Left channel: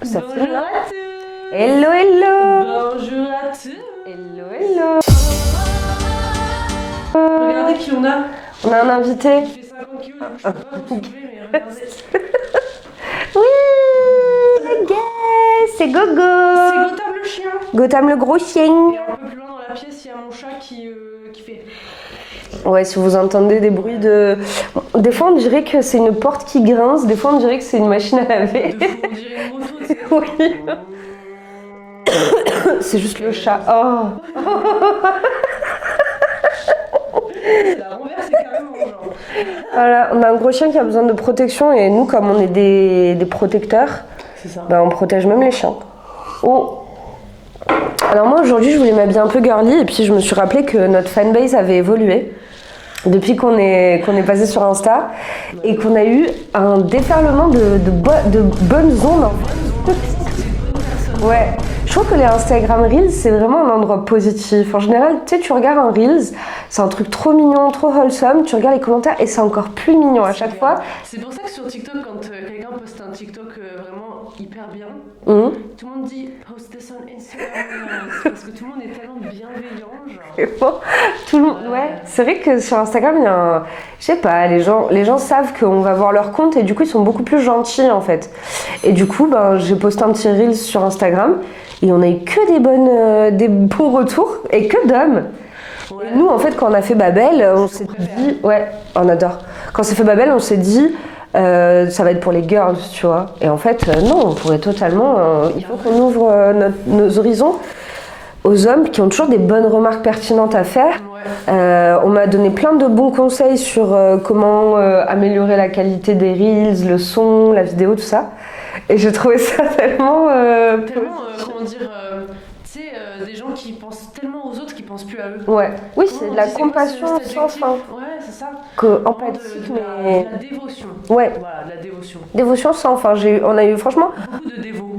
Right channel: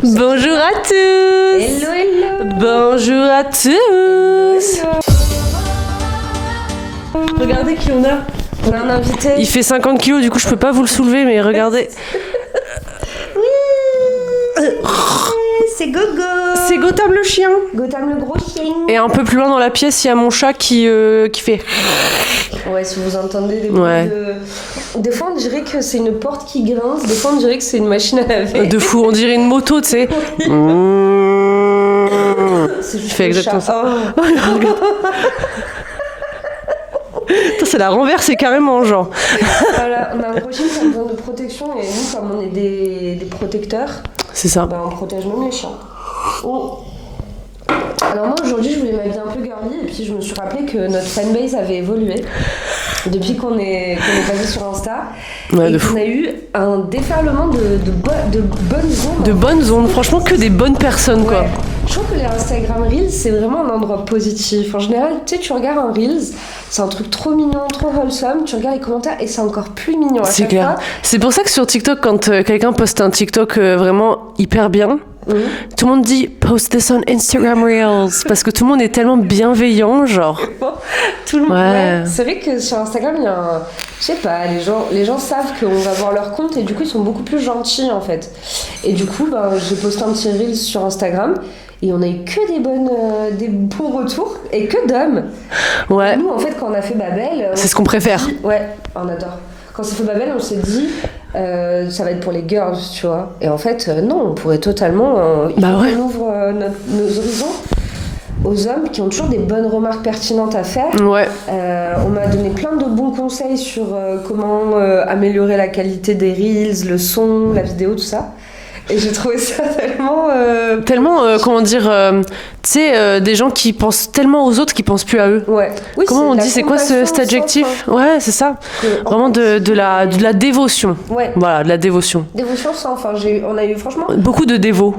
Bonjour à tous. Hello, hello. Bonjour à tous. Hello. Regardez qui on a. On a un invité. Il fait 50 kilos, du coup je peux pas vous le soulever, mais regardez. C'est Gogo. C'est Gotham le chien. Gotham le gros chien. Et un peu plus loin dans la pièce, il y a mon chat qui fait. Ouais, si vous entendez des bruits de... Des fois, on dirait que c'est une porte qui grince. Des fois, on dirait que c'est une machine à laver. De fou, on dirait une moto, tu sais. C'est juste fait le exactement chat. ça. Oh. C'est la renverse, c'est carrément genre. Voilà, on a un gros chien qui a besoin de protection et nous, comme on est des protecteurs, C'est ça. bah, on protège même les chiens. Oh. Alors moi aujourd'hui je voulais m'habiller un peu girly et puis je me suis rappelé que notre fanbase avait évolué depuis qu'on est passé sur Insta Ouais, et de qu'on fou. a eu un déferlement de bonnes ondes. De bonnes ondes, franchement que des bonnes personnes quoi. Ouais. Je trouve que les Instagram Reels c'est vraiment un endroit positif. En général, tu sais, tu regardes un Reels, c'est un truc trop mignon, trop wholesome, tu regardes les commentaires et c'est encore plus mignon à C'est chaque clair. fois. C'est pour ça que sur TikTok, quand quelqu'un poste un TikTok vraiment hyper bien, tout le monde dit post this on Instagram Reels parce que tout le monde est tellement bienveillant, genre. Tout le monde. Ouais. Ouais. C'est vrai que sur Instagram, il y a un. Je sais pas, les gens savent qu'on va voir leur compte et du coup, ils sont beaucoup plus gentils en fait. Et du coup, ben, j'ai posté un petit Reels sur Instagram et on a eu que des bons retours et que d'hommes. Ouais. Nous, en fait, quand on a fait Babel. C'est ce qu'on préfère. Ouais, on adore. Quand on s'est fait Babel, on s'est dit. Ça va être pour les girls, tu vois. Et en fait, non, on pourrait totalement. Il Bah faut ouais. qu'on ouvre nos horizons aux hommes qui ont toujours des bonnes remarques pertinentes à faire. Ouais. On m'a donné plein de bons conseils sur comment améliorer la qualité des reels, le son, la vidéo, tout ça. Et j'ai trouvé ça tellement... Tellement, comment dire, tu sais, des gens qui pensent tellement aux autres qu'ils pensent plus à eux. Ouais. Oui, Comment on de la dit, c'est quoi compassion cet sans adjectif? fin. Ouais, c'est ça. Vraiment de la dévotion. Ouais. Voilà, de la dévotion. Dévotion sans fin. On a eu franchement Beaucoup de dévots.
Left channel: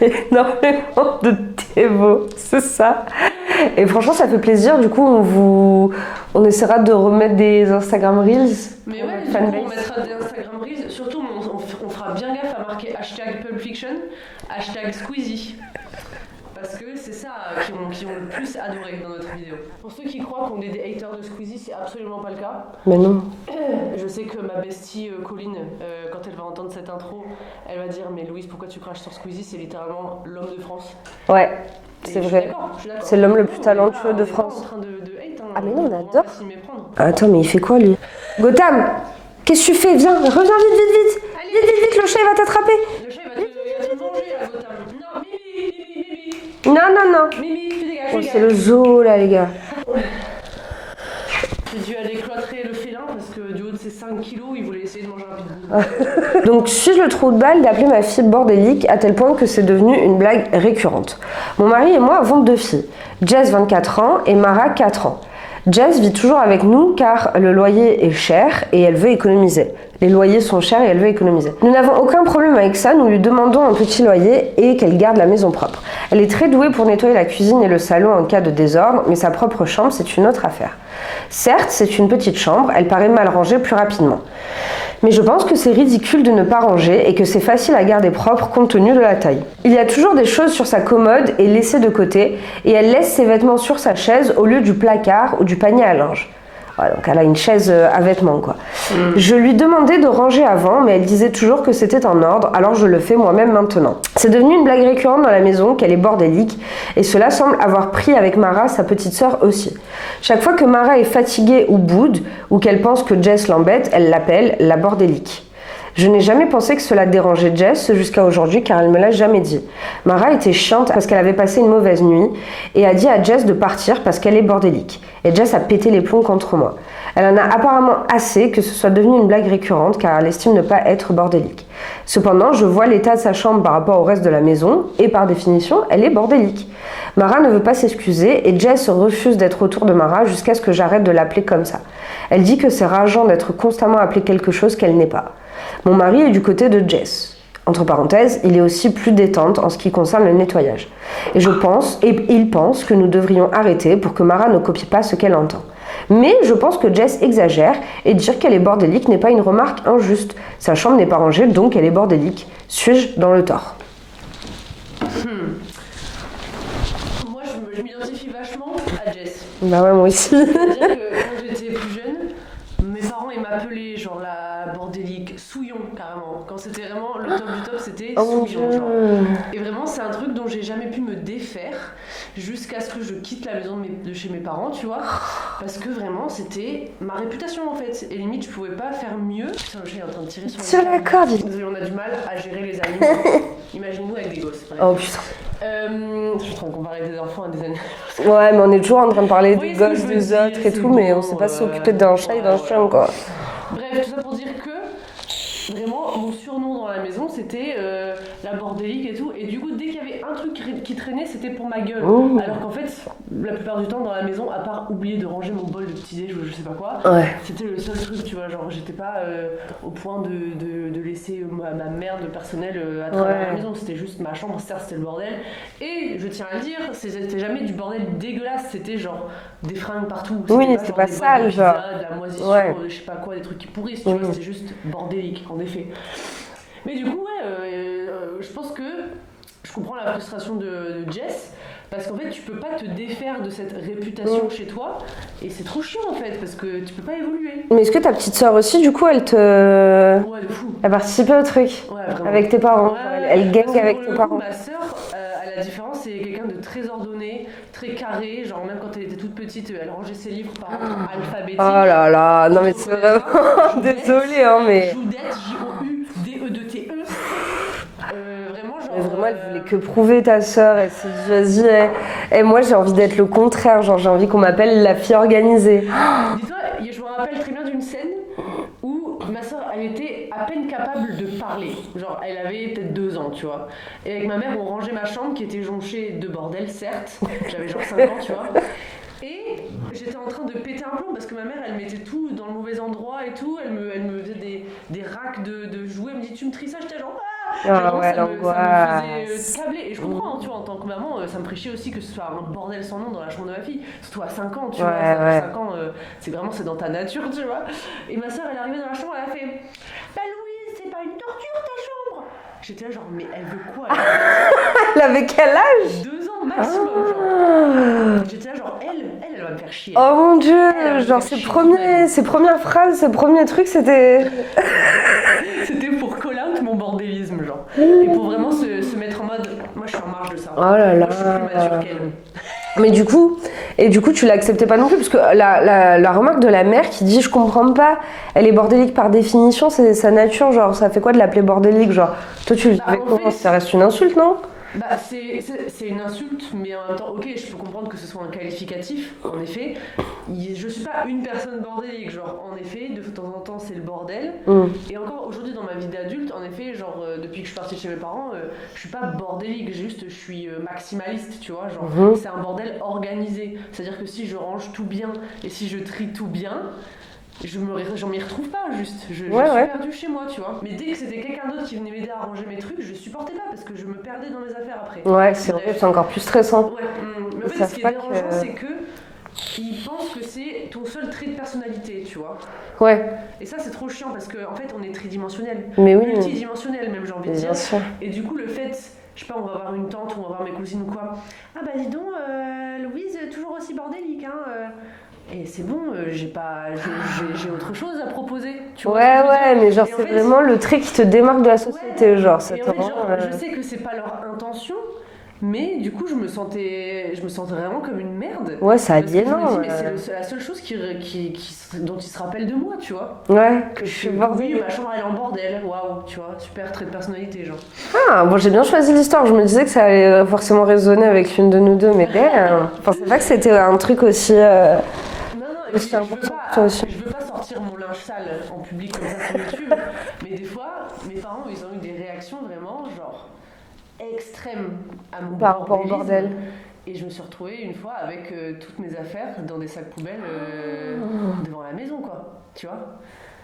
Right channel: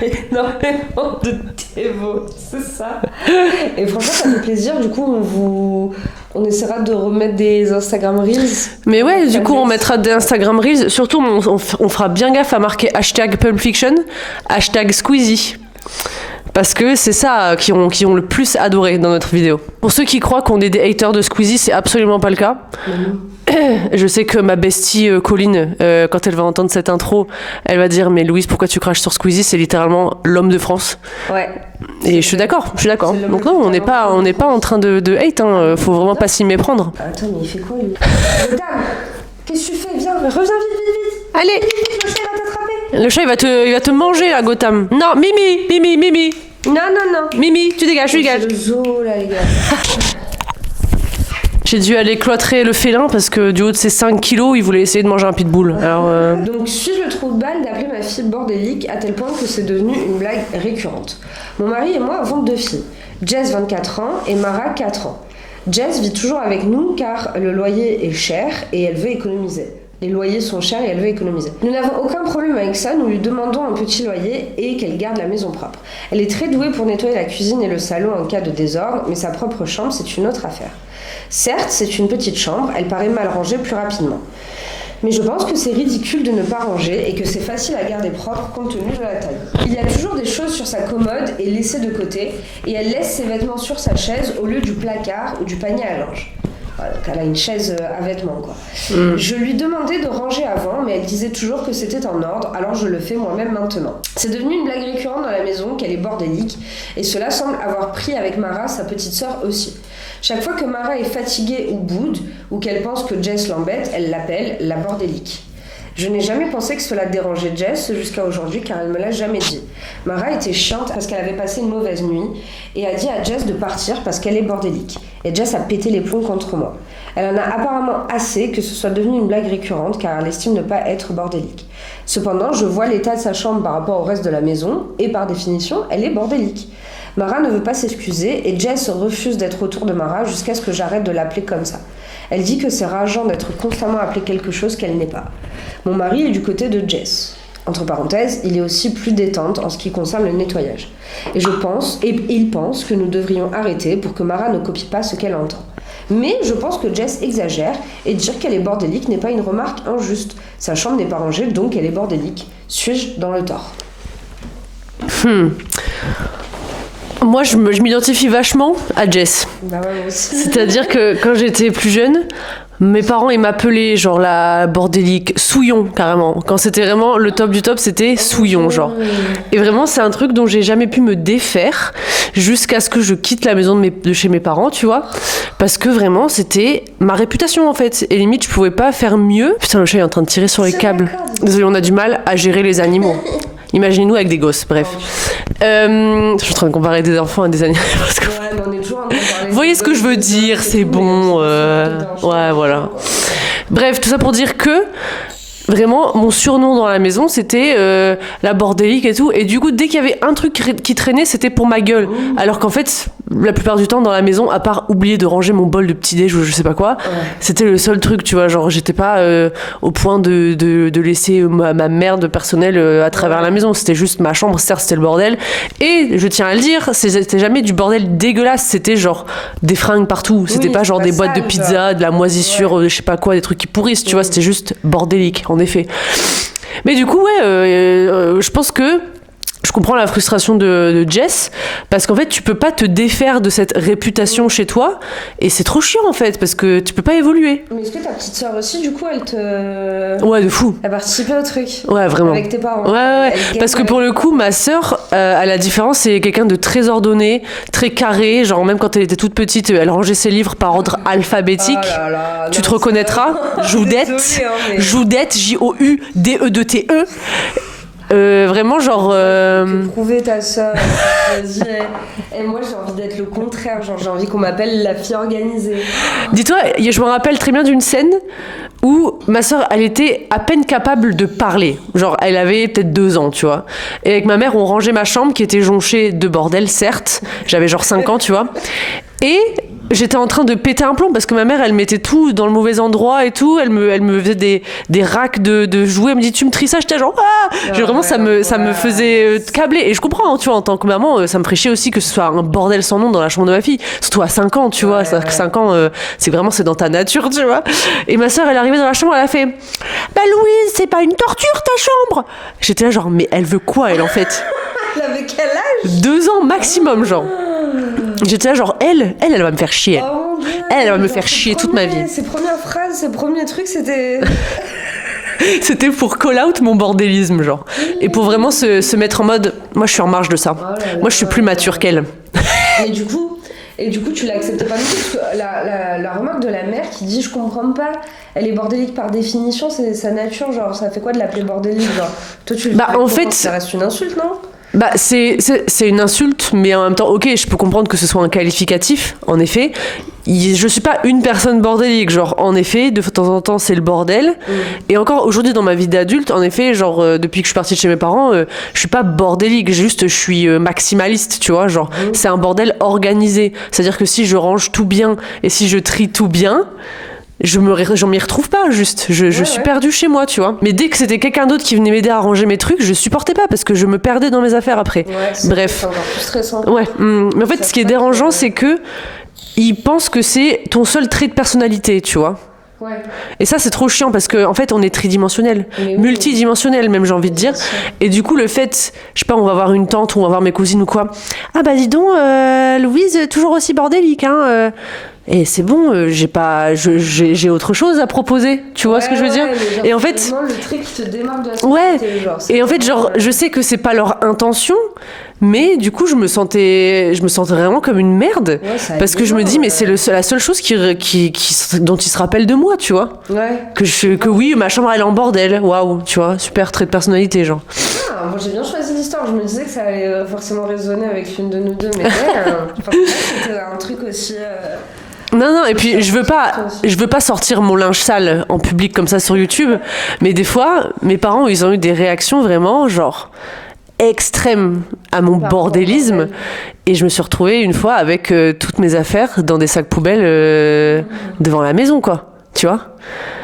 énormément de dévots, c'est ça. Et franchement, ça fait plaisir. Du coup, on essaiera de remettre des Instagram Reels. Mais ouais, du coup, Fanbase. on mettra des Instagram Reels. Surtout, on fera bien gaffe à marquer hashtag Pulp Fiction, hashtag Squeezie. Parce que c'est ça qui ont le plus adoré dans notre vidéo. Pour ceux qui croient qu'on est des haters de Squeezie, c'est absolument pas le cas. Mais non. Je sais que ma bestie Colline, quand elle va entendre cette intro, elle va dire « Mais Louise, pourquoi tu craches sur Squeezie? C'est littéralement l'homme de France. » Ouais. Et je suis d'accord. C'est l'homme Donc le non, plus on n'est pas, talentueux on de n'est pas France. en train de hate, hein. Faut vraiment pas s'y méprendre. Attends, mais il fait quoi, lui? Gotham, qu'est-ce que tu fais? Viens, reviens vite. Allez, Vite, le chat, il va t'attraper. le chat il va te manger là, Gotham. Non, Mimi, Non. Mimi, tu dégages, tu C'est dégages. le zoo, là, les gars. J'ai dû aller cloîtrer le félin parce que du haut de ses 5 kilos, il voulait essayer de manger un pitbull. Alors, Donc, suis-je le trou de balle d'appeler ma fille bordélique à tel point que c'est devenu une blague récurrente? Mon mari et moi avons 2 filles. Jess, 24 ans, et Mara, 4 ans. Jess vit toujours avec nous car le loyer est cher et elle veut économiser. Les loyers sont chers et elle veut économiser. Nous n'avons aucun problème avec ça, nous lui demandons un petit loyer et qu'elle garde la maison propre. Elle est très douée pour nettoyer la cuisine et le salon en cas de désordre, mais sa propre chambre, c'est une autre affaire. Certes, c'est une petite chambre, elle paraît mal rangée plus rapidement. Mais je pense que c'est ridicule de ne pas ranger et que c'est facile à garder propre compte tenu de la taille. Il y a toujours des choses sur sa commode et laissées de côté, et elle laisse ses vêtements sur sa chaise au lieu du placard ou du panier à linge. Ouais, donc elle a une chaise à vêtements, quoi. Je lui demandais de ranger avant, mais elle disait toujours que c'était en ordre, alors je le fais moi-même maintenant. C'est devenu une blague récurrente dans la maison qu'elle est bordélique, et cela semble avoir pris avec Mara, sa petite sœur aussi. Chaque fois que Mara est fatiguée ou boude, ou qu'elle pense que Jess l'embête, elle l'appelle la bordélique. Je n'ai jamais pensé que cela dérangeait Jess jusqu'à aujourd'hui car elle me l'a jamais dit. Mara était chiante parce qu'elle avait passé une mauvaise nuit et a dit à Jess de partir parce qu'elle est bordélique. Et Jess a pété les plombs contre moi. Elle en a apparemment assez que ce soit devenu une blague récurrente car elle estime ne pas être bordélique. Cependant, je vois l'état de sa chambre par rapport au reste de la maison et par définition, elle est bordélique. Mara ne veut pas s'excuser et Jess refuse d'être autour de Mara jusqu'à ce que j'arrête de l'appeler comme ça. Elle dit que c'est rageant d'être constamment appelée quelque chose qu'elle n'est pas. Mon mari est du côté de Jess. Entre parenthèses, il est aussi plus détente en ce qui concerne le nettoyage. Et il pense que nous devrions arrêter pour que Mara ne copie pas ce qu'elle entend. Mais je pense que Jess exagère et dire qu'elle est bordélique n'est pas une remarque injuste. Sa chambre n'est pas rangée, donc elle est bordélique. Suis-je dans le tort ? Moi, je m'identifie vachement à Jess. Bah ouais, moi aussi. C'est-à-dire que quand j'étais plus jeune, mes parents, ils m'appelaient genre la bordélique, souillon carrément. Quand c'était vraiment le top du top, c'était souillon genre. Et vraiment, c'est un truc dont j'ai jamais pu me défaire jusqu'à ce que je quitte la maison de chez mes parents, tu vois. Parce que vraiment, c'était ma réputation en fait. Et limite, je pouvais pas faire mieux. Putain, le chat est en train de tirer sur les câbles. Désolé, on a du mal à gérer les animaux. Imaginez-nous avec des gosses, bref. Je suis en train de comparer des enfants à des animaux. Ouais, mais on est toujours en train de parler. Vous voyez ce que je veux dire, c'est bon. Ouais, voilà. Bref, tout ça pour dire que vraiment, mon surnom dans la maison, c'était la bordélique et tout. Et du coup, dès qu'il y avait un truc qui traînait, c'était pour ma gueule. Alors qu'en fait, la plupart du temps, dans la maison, à part oublier de ranger mon bol de petit-déj ou je sais pas quoi, c'était le seul truc, tu vois. Genre, j'étais pas au point de laisser ma merde personnelle à travers la maison. C'était juste ma chambre, certes, c'était le bordel. Et je tiens à le dire, c'était jamais du bordel dégueulasse. C'était genre des fringues partout. C'était pas genre des boîtes de pizza, de la moisissure, je sais pas quoi, des trucs qui pourrissent, tu vois. C'était juste bordélique. En effet. Mais du coup, je pense que je comprends la frustration de Jess, parce qu'en fait, tu peux pas te défaire de cette réputation chez toi, et c'est trop chiant en fait, parce que tu peux pas évoluer. Mais est-ce que ta petite sœur aussi, du coup, elle te... Ouais, de fou. Elle participait au truc. Ouais, vraiment. Avec tes parents. Ouais. Parce que pour le coup, ma sœur, à la différence, c'est quelqu'un de très ordonné, très carré, genre même quand elle était toute petite, elle rangeait ses livres par ordre alphabétique. Oh là là, tu te reconnaîtras. Joudette. Mais... Joudette, Joudette. Vraiment genre tu peux prouver ta sœur vas-y. Et moi j'ai envie d'être le contraire, genre j'ai envie qu'on m'appelle la fille organisée. Dis-toi, je me rappelle très bien d'une scène où ma sœur, elle était à peine capable de parler. Genre, elle avait peut-être 2 ans, tu vois. Et avec ma mère, on rangeait ma chambre qui était jonchée de bordel, certes. J'avais genre 5 ans, tu vois. Et j'étais en train de péter un plomb parce que ma mère, elle mettait tout dans le mauvais endroit et tout. Elle me faisait des racks de jouets. Elle me dit, tu me tries ça? J'étais genre, vraiment, ça me faisait câbler. Et je comprends, hein, tu vois, en tant que maman, ça me ferait chier aussi que ce soit un bordel sans nom dans la chambre de ma fille. Surtout à 5 ans, tu vois. C'est-à-dire que 5 ans, c'est dans ta nature, tu vois. Et ma sœur, elle est arrivée dans la chambre, elle a fait, bah Louise, c'est pas une torture ta chambre. J'étais là genre, mais elle veut quoi, elle, en fait? Elle avait quel âge? 2 ans maximum, genre. J'étais là genre, elle va me faire chier. Oh mon Dieu. Elle va me faire chier toute ma vie. Ses premières phrases, ses premiers trucs, c'était... C'était pour call out mon bordélisme, genre. Et pour vraiment se mettre en mode, moi je suis en marge de ça. Moi je suis plus mature qu'elle. Mais du coup, tu l'acceptais pas non plus, parce que la remarque de la mère qui dit, je comprends pas, elle est bordélique par définition, c'est sa nature, genre, ça fait quoi de l'appeler bordélique, genre? Toi, en fait, ça reste une insulte, non? Bah c'est une insulte, mais en même temps, ok, je peux comprendre que ce soit un qualificatif, en effet. Je suis pas une personne bordélique, genre, en effet, de temps en temps, c'est le bordel. Et encore aujourd'hui, dans ma vie d'adulte, en effet, genre, depuis que je suis partie de chez mes parents, je suis pas bordélique, juste, je suis maximaliste, tu vois, genre, c'est un bordel organisé. C'est-à-dire que si je range tout bien et si je trie tout bien, je m'y retrouve pas, juste. Je suis perdue chez moi, tu vois. Mais dès que c'était quelqu'un d'autre qui venait m'aider à ranger mes trucs, je supportais pas parce que je me perdais dans mes affaires après. Bref. C'est encore plus stressant. Ouais. Mais en fait, ce qui est dérangeant, c'est que ils pensent que c'est ton seul trait de personnalité, tu vois. Ouais. Et ça, c'est trop chiant parce qu'en fait, on est tridimensionnel, multidimensionnel même, j'ai envie de dire. Et du coup, le fait, je sais pas, on va voir une tante ou on va voir mes cousines ou quoi. Ah bah dis donc, Louise, toujours aussi bordélique, hein. Et c'est bon, j'ai autre chose à proposer, tu vois ce que je veux dire? Genre, et en fait, vraiment le trait qui te démarque de la société, genre. Et en fait, genre, je sais que c'est pas leur intention. Mais du coup, je me sentais vraiment comme une merde. Parce que je me dis, mais c'est la seule chose dont ils se rappellent de moi, tu vois. Que oui, ma chambre, elle est en bordel. Waouh, tu vois, super trait de personnalité, genre. Ah, bon, j'ai bien choisi l'histoire. Je me disais que ça allait forcément résonner avec l'une de nous deux. Mais c'est vrai que c'était un truc aussi... Non, et puis je veux pas sortir mon linge sale en public comme ça sur YouTube. Mais des fois, mes parents, ils ont eu des réactions vraiment, genre... extrême à mon bordélisme et je me suis retrouvée une fois avec toutes mes affaires dans des sacs poubelles devant la maison, quoi, tu vois.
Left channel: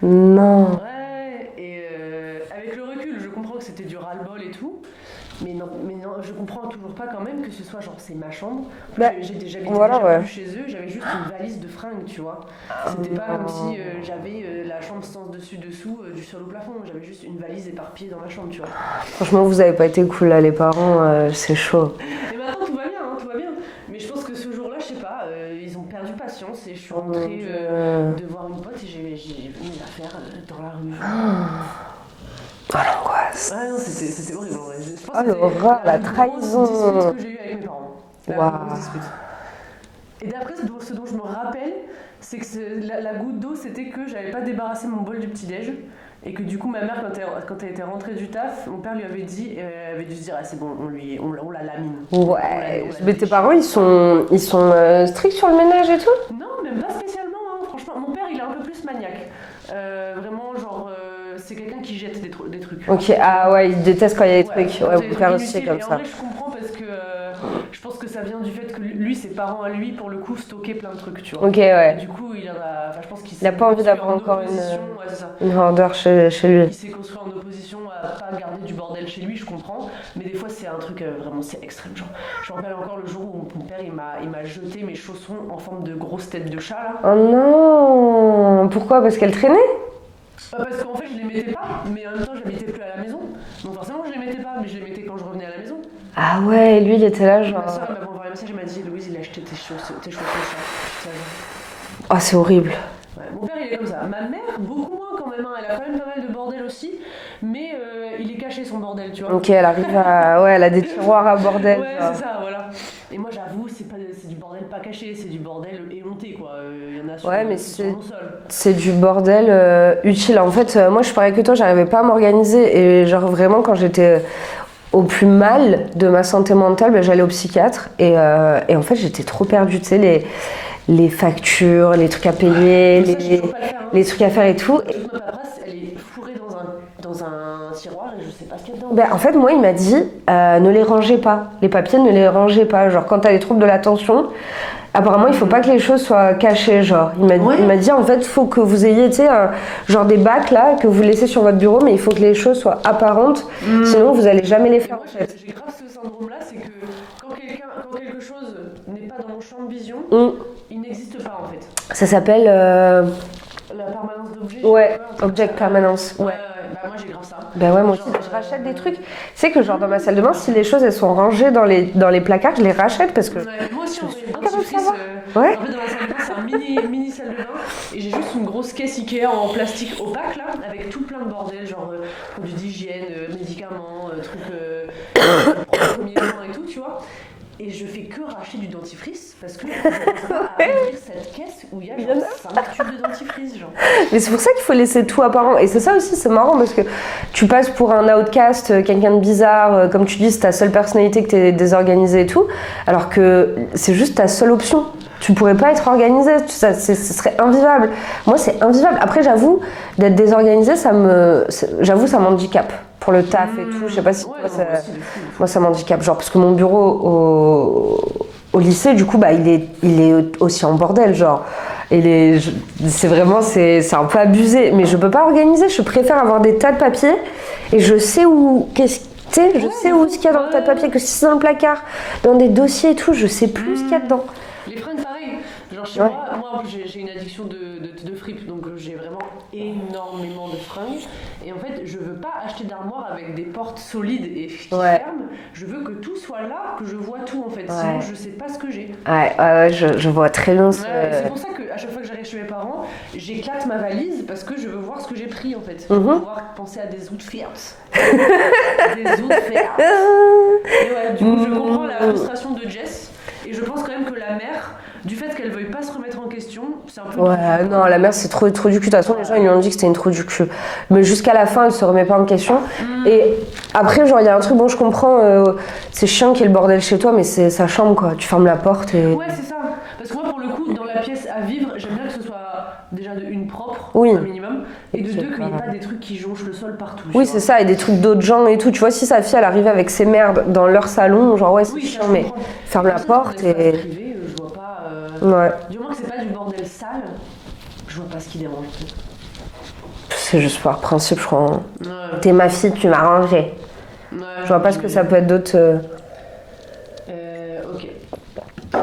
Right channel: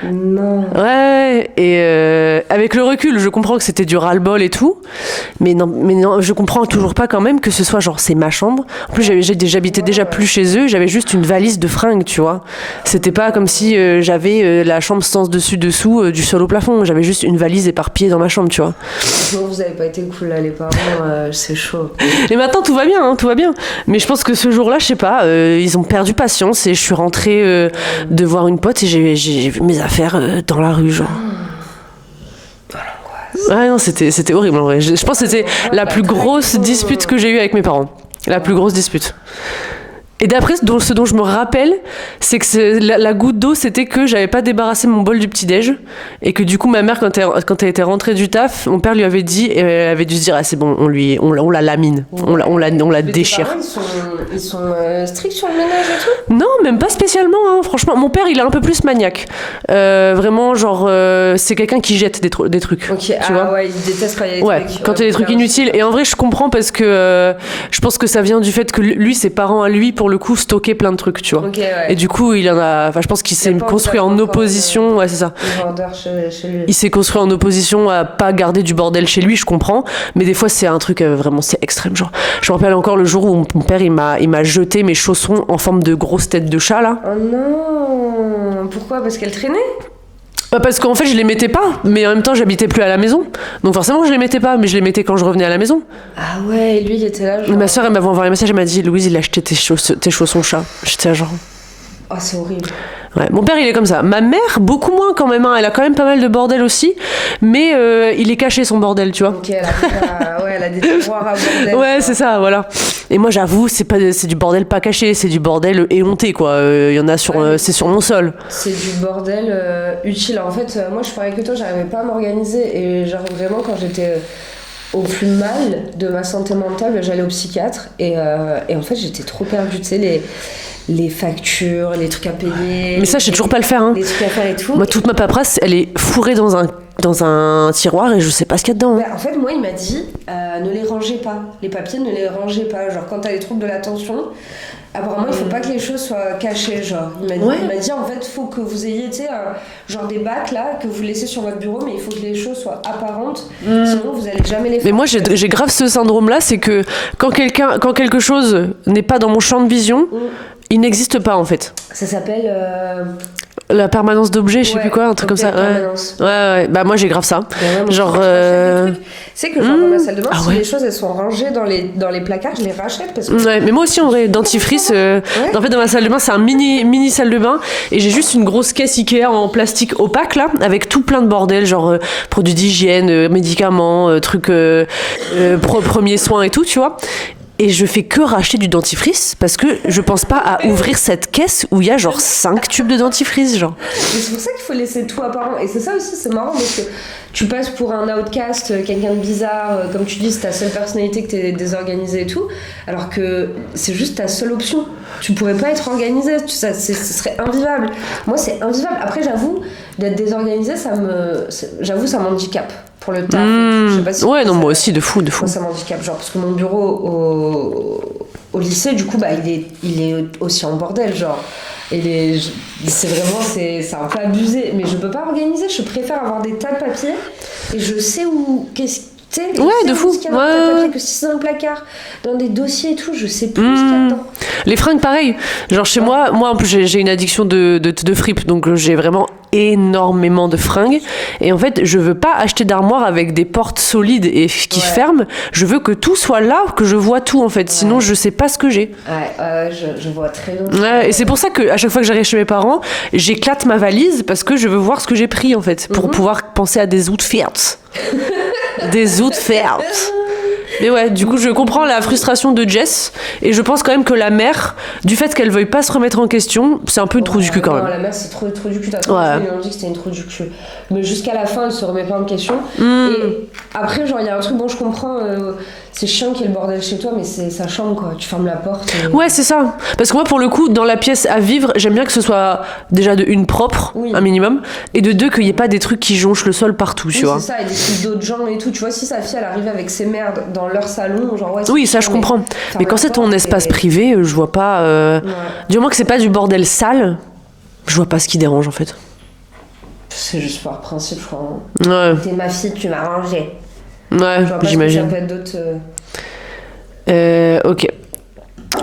Non. Ouais, et avec le recul, je comprends que c'était du ras-le-bol et tout, mais non, je comprends toujours pas quand même que ce soit genre c'est ma chambre. En plus, j'habitais déjà plus chez eux, j'avais juste une valise de fringues, tu vois. C'était pas comme si j'avais la chambre sens dessus dessous du sol au plafond. J'avais juste une valise éparpillée dans ma chambre, tu vois. Franchement, vous avez pas été cool là, les parents, c'est chaud. Et maintenant tout va bien, hein, tout va bien. Mais je pense que ce jour-là, je sais pas, ils ont perdu patience et je suis rentrée de voir une pote et j'ai vu mes affaires dans la rue, genre. Ah, l'angoisse. Ouais, non, c'était horrible en vrai. Je pense que c'était la plus grosse dispute que j'ai eue avec mes parents. La plus grosse dispute. Et d'après, ce dont je me rappelle, c'est que la goutte d'eau, c'était que j'avais pas débarrassé mon bol du petit-déj. Et que du coup, ma mère, quand elle était rentrée du taf, mon père lui avait dit, et elle avait dû se dire, ah c'est bon, on la lamine, on la déchire. Tes parents, ils sont stricts sur le ménage et tout? Non, même pas spécialement, hein. Franchement. Mon père, il est un peu plus maniaque. Vraiment, genre, c'est quelqu'un qui jette des trucs. Ok, tu vois ouais, il déteste quand il y a des trucs. Quand il y a des trucs inutiles. Et en vrai, je comprends parce que je pense que ça vient du fait que lui, ses parents à lui, pour le coup, stockaient plein de trucs, tu vois. Ok, ouais. Et du coup, il en a. Enfin, je pense qu'il s'est construit en opposition. Ouais, c'est ça. Vendeur chez lui. Il s'est construit en opposition à pas garder du bordel chez lui, je comprends. Mais des fois, c'est un truc vraiment, c'est extrême. Genre, je me rappelle encore le jour où mon père, il m'a jeté mes chaussons en forme de grosse tête de chat, là. Oh non! Pourquoi? Parce qu'elle traînait? Parce qu'en fait, je les mettais pas, mais en même temps, j'habitais plus à la maison. Donc forcément, je les mettais pas, mais je les mettais quand je revenais à la maison. Ah ouais, lui, il était là, genre... Ma soeur, elle m'avait envoyé un message, elle m'a dit, Louise, il a acheté tes chaussons chat. J'étais là, genre... Ah, c'est horrible. Ouais, mon père, il est comme ça. Ma mère, beaucoup moins quand même. Hein. Elle a quand même pas mal de bordel aussi, mais il est caché son bordel, tu vois. Ok, elle a des tiroirs à bordel. Ouais, c'est ça, voilà. Et moi, j'avoue, c'est du bordel pas caché, c'est du bordel éhonté, quoi. Il y en a c'est sur mon sol. C'est du bordel utile. En fait, moi, je suis pareil que toi, j'arrivais pas à m'organiser. Et genre, vraiment, quand j'étais au plus mal de ma santé mentale, j'allais au psychiatre. Et en fait, j'étais trop perdue, tu sais, les factures, les trucs à payer. Mais ça, je sais toujours pas le faire. Hein. Les trucs à faire et tout. Moi, toute ma paperasse, elle est fourrée dans un tiroir et je sais pas ce qu'il y a dedans. En fait, moi, il m'a dit ne les rangez pas. Les papiers, ne les rangez pas. Genre, quand t'as des troubles de l'attention, apparemment, il faut pas que les choses soient cachées. Genre, il m'a dit en fait, faut que vous ayez, tu sais, genre des bacs là que vous laissez sur votre bureau, mais il faut que les choses soient apparentes. Sinon, vous allez jamais les faire. Mais moi, j'ai grave ce syndrome-là, c'est que quand quelque chose n'est pas dans mon champ de vision. Il n'existe pas en fait. Ça s'appelle la permanence d'objets, je sais plus quoi, un truc comme ça. Permanence. Ouais. Bah moi j'ai grave ça. Moi, genre. Tu sais que genre dans ma salle de bain, si les choses elles sont rangées dans les placards, je les rachète parce que. Ouais, mais moi aussi en vrai, dentifrice. En fait dans ma salle de bain, c'est un mini salle de bain et j'ai juste une grosse caisse Ikea en plastique opaque là, avec tout plein de bordel, genre produits d'hygiène, médicaments, trucs premiers soins et tout, tu vois. Et je fais que racheter du dentifrice parce que je pense pas à ouvrir cette caisse où il y a genre 5 tubes de dentifrice, genre. Mais c'est pour ça qu'il faut laisser tout apparent. Et c'est ça aussi, c'est marrant parce que tu passes pour un outcast, quelqu'un de bizarre, comme tu dis, c'est ta seule personnalité que t'es désorganisée et tout, alors que c'est juste ta seule option. Tu pourrais pas être organisée, ce serait invivable. Moi, c'est invivable. Après, j'avoue, d'être désorganisée, ça m'handicape. Pour le taf et tout, je sais pas si... Ouais, non, moi aussi, de fou. Moi, ça m'handicape, genre, parce que mon bureau au lycée, du coup, il est aussi en bordel, genre. C'est vraiment, c'est un peu abusé. Mais je peux pas organiser, je préfère avoir des tas de papiers, et je sais où... de fou. Ce qu'il y a dans le tas de papier, que si c'est dans le placard, dans des dossiers et tout, je sais plus ce qu'il y a dedans. Les fringues, pareil. Genre chez moi en plus j'ai une addiction de fripe, donc j'ai vraiment énormément de fringues. Et en fait, je veux pas acheter d'armoire avec des portes solides et qui ferment. Je veux que tout soit là, que je vois tout en fait. Sinon, je sais pas ce que j'ai. Je vois très bien. Et c'est pour ça que à chaque fois que j'arrive chez mes parents, j'éclate ma valise parce que je veux voir ce que j'ai pris en fait, pour pouvoir penser à des outfits. Des outfits. Mais ouais, du coup, je comprends la frustration de Jess et je pense quand même que la mère, du fait qu'elle veuille pas se remettre en question, c'est un peu une trou du cul quand même. La mère, c'est trop du cul. De toute façon, ils lui ont dit que c'était une trou du cul. Mais jusqu'à la fin, elle se remet pas en question. Et après, genre, il y a un truc, bon, je comprends, c'est chiant qu'il y ait le bordel chez toi, mais c'est sa chambre, quoi. Tu fermes la porte. Ouais, c'est ça. Parce que moi, pour le coup, dans la pièce à vivre, j'aime bien que ce soit déjà de une propre, un minimum, et de deux, qu'il y ait pas des trucs qui jonchent le sol partout, tu vois. Oui, c'est ça, et des trucs d'autres gens et tout. Tu vois, si sa fille, elle arrive avec ses merdes dans leur salon, genre, oui, ça, je comprends. Mais quand c'est ton espace privé, je vois pas. Du moment que c'est pas du bordel sale, je vois pas ce qui dérange, en fait. C'est juste par principe, je crois. Ouais. T'es ma fille, tu m'as rangé. Ouais, Je vois pas ce que j'imagine. ça peut être d'autre. Ok.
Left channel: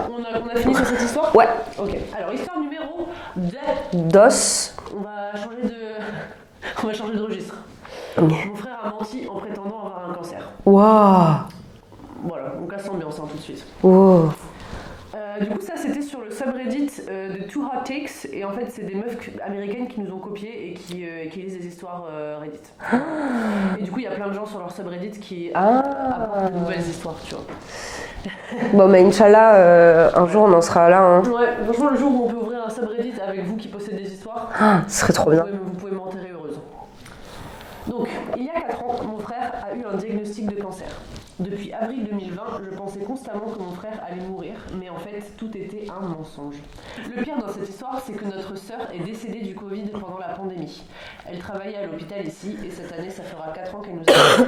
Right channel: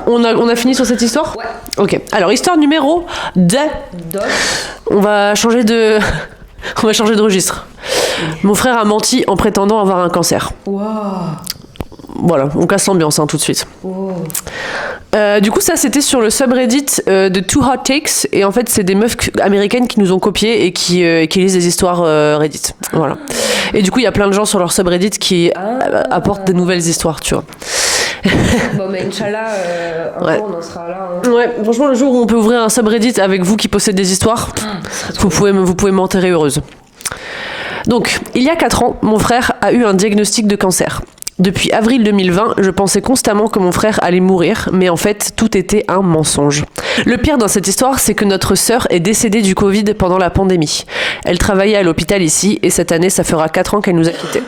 On a fini sur cette histoire ? Ouais. Ok. Alors, histoire numéro 2. Dos. On va changer de... On va changer de registre. Mon frère a menti en prétendant avoir un cancer. Waouh. Voilà, on casse l'ambiance hein, tout de suite. Wow. Du coup, ça, c'était sur le subreddit de Too Hot Takes. Et en fait, c'est des meufs américaines qui nous ont copiés et qui lisent des histoires Reddit. Voilà. Et du coup, il y a plein de gens sur leur subreddit qui apportent des nouvelles histoires, tu vois. Bon, mais Inch'Allah, un Ouais. jour, on en sera là. Hein. Ouais, franchement, le jour où on peut ouvrir un subreddit avec vous qui possédez des histoires, Ce serait trop bien. vous pouvez m'enterrer heureuse. Donc, il y a 4 ans, mon frère a eu un diagnostic de cancer. Depuis avril 2020, je pensais constamment que mon frère allait mourir, mais en fait, tout était un mensonge. Le pire dans cette histoire, c'est que notre sœur est décédée du Covid pendant la pandémie. Elle travaillait à l'hôpital ici, et cette année, ça fera 4 ans qu'elle nous a quittés.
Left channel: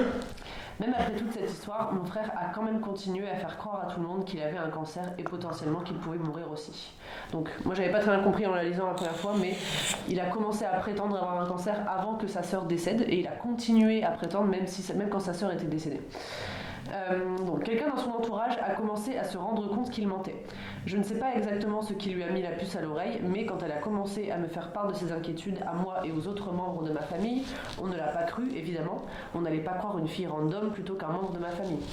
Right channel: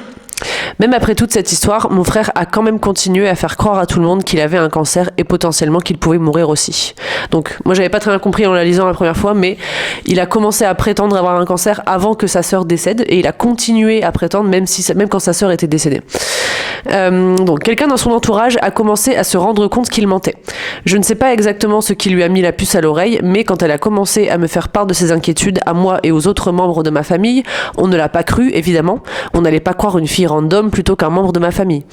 Même après toute cette histoire, mon frère a quand même continué à faire croire à tout le monde qu'il avait un cancer et potentiellement qu'il pouvait mourir aussi. Donc, moi, j'avais pas très bien compris en la lisant la première fois, mais il a commencé à prétendre avoir un cancer avant que sa sœur décède et il a continué à prétendre même quand sa sœur était décédée. Donc, quelqu'un dans son entourage a commencé à se rendre compte qu'il mentait. Je ne sais pas exactement ce qui lui a mis la puce à l'oreille, mais quand elle a commencé à me faire part de ses inquiétudes à moi et aux autres membres de ma famille, on ne l'a pas cru, évidemment. On n'allait pas croire une fille random plutôt qu'un membre de ma famille.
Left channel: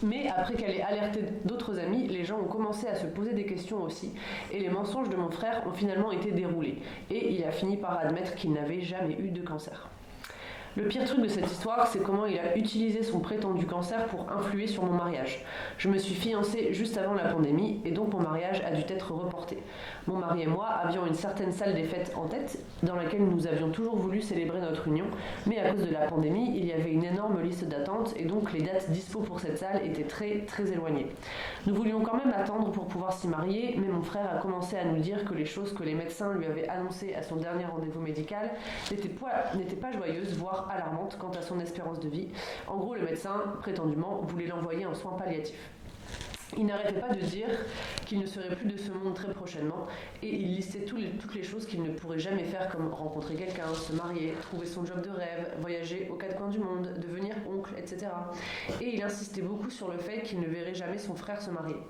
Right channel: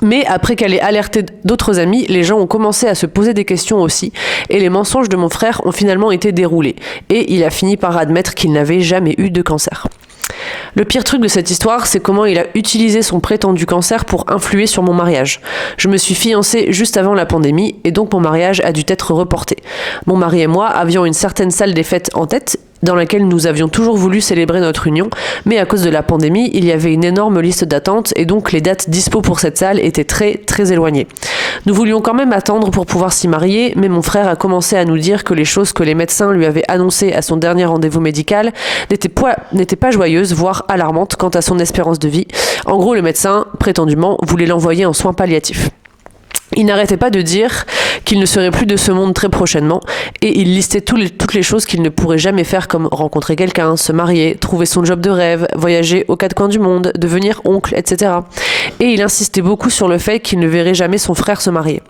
Mais après qu'elle ait alerté d'autres amis, les gens ont commencé à se poser des questions aussi, et les mensonges de mon frère ont finalement été déroulés. Et il a fini par admettre qu'il n'avait jamais eu de cancer. Le pire truc de cette histoire, c'est comment il a utilisé son prétendu cancer pour influer sur mon mariage. Je me suis fiancée juste avant la pandémie, et donc mon mariage a dû être reporté. Mon mari et moi avions une certaine salle des fêtes en tête, dans laquelle nous avions toujours voulu célébrer notre union, mais à cause de la pandémie, il y avait une énorme liste d'attente et donc les dates dispo pour cette salle étaient très très éloignées. Nous voulions quand même attendre pour pouvoir s'y marier, mais mon frère a commencé à nous dire que les choses que les médecins lui avaient annoncées à son dernier rendez-vous médical n'étaient pas joyeuses, voire alarmantes quant à son espérance de vie. En gros, le médecin, prétendument, voulait l'envoyer en soins palliatifs. Il n'arrêtait pas de dire qu'il ne serait plus de ce monde très prochainement et il listait toutes les choses qu'il ne pourrait jamais faire comme rencontrer quelqu'un, se marier, trouver son job de rêve, voyager aux 4 coins du monde, devenir oncle, etc. Et il insistait beaucoup sur le fait qu'il ne verrait jamais son frère se marier.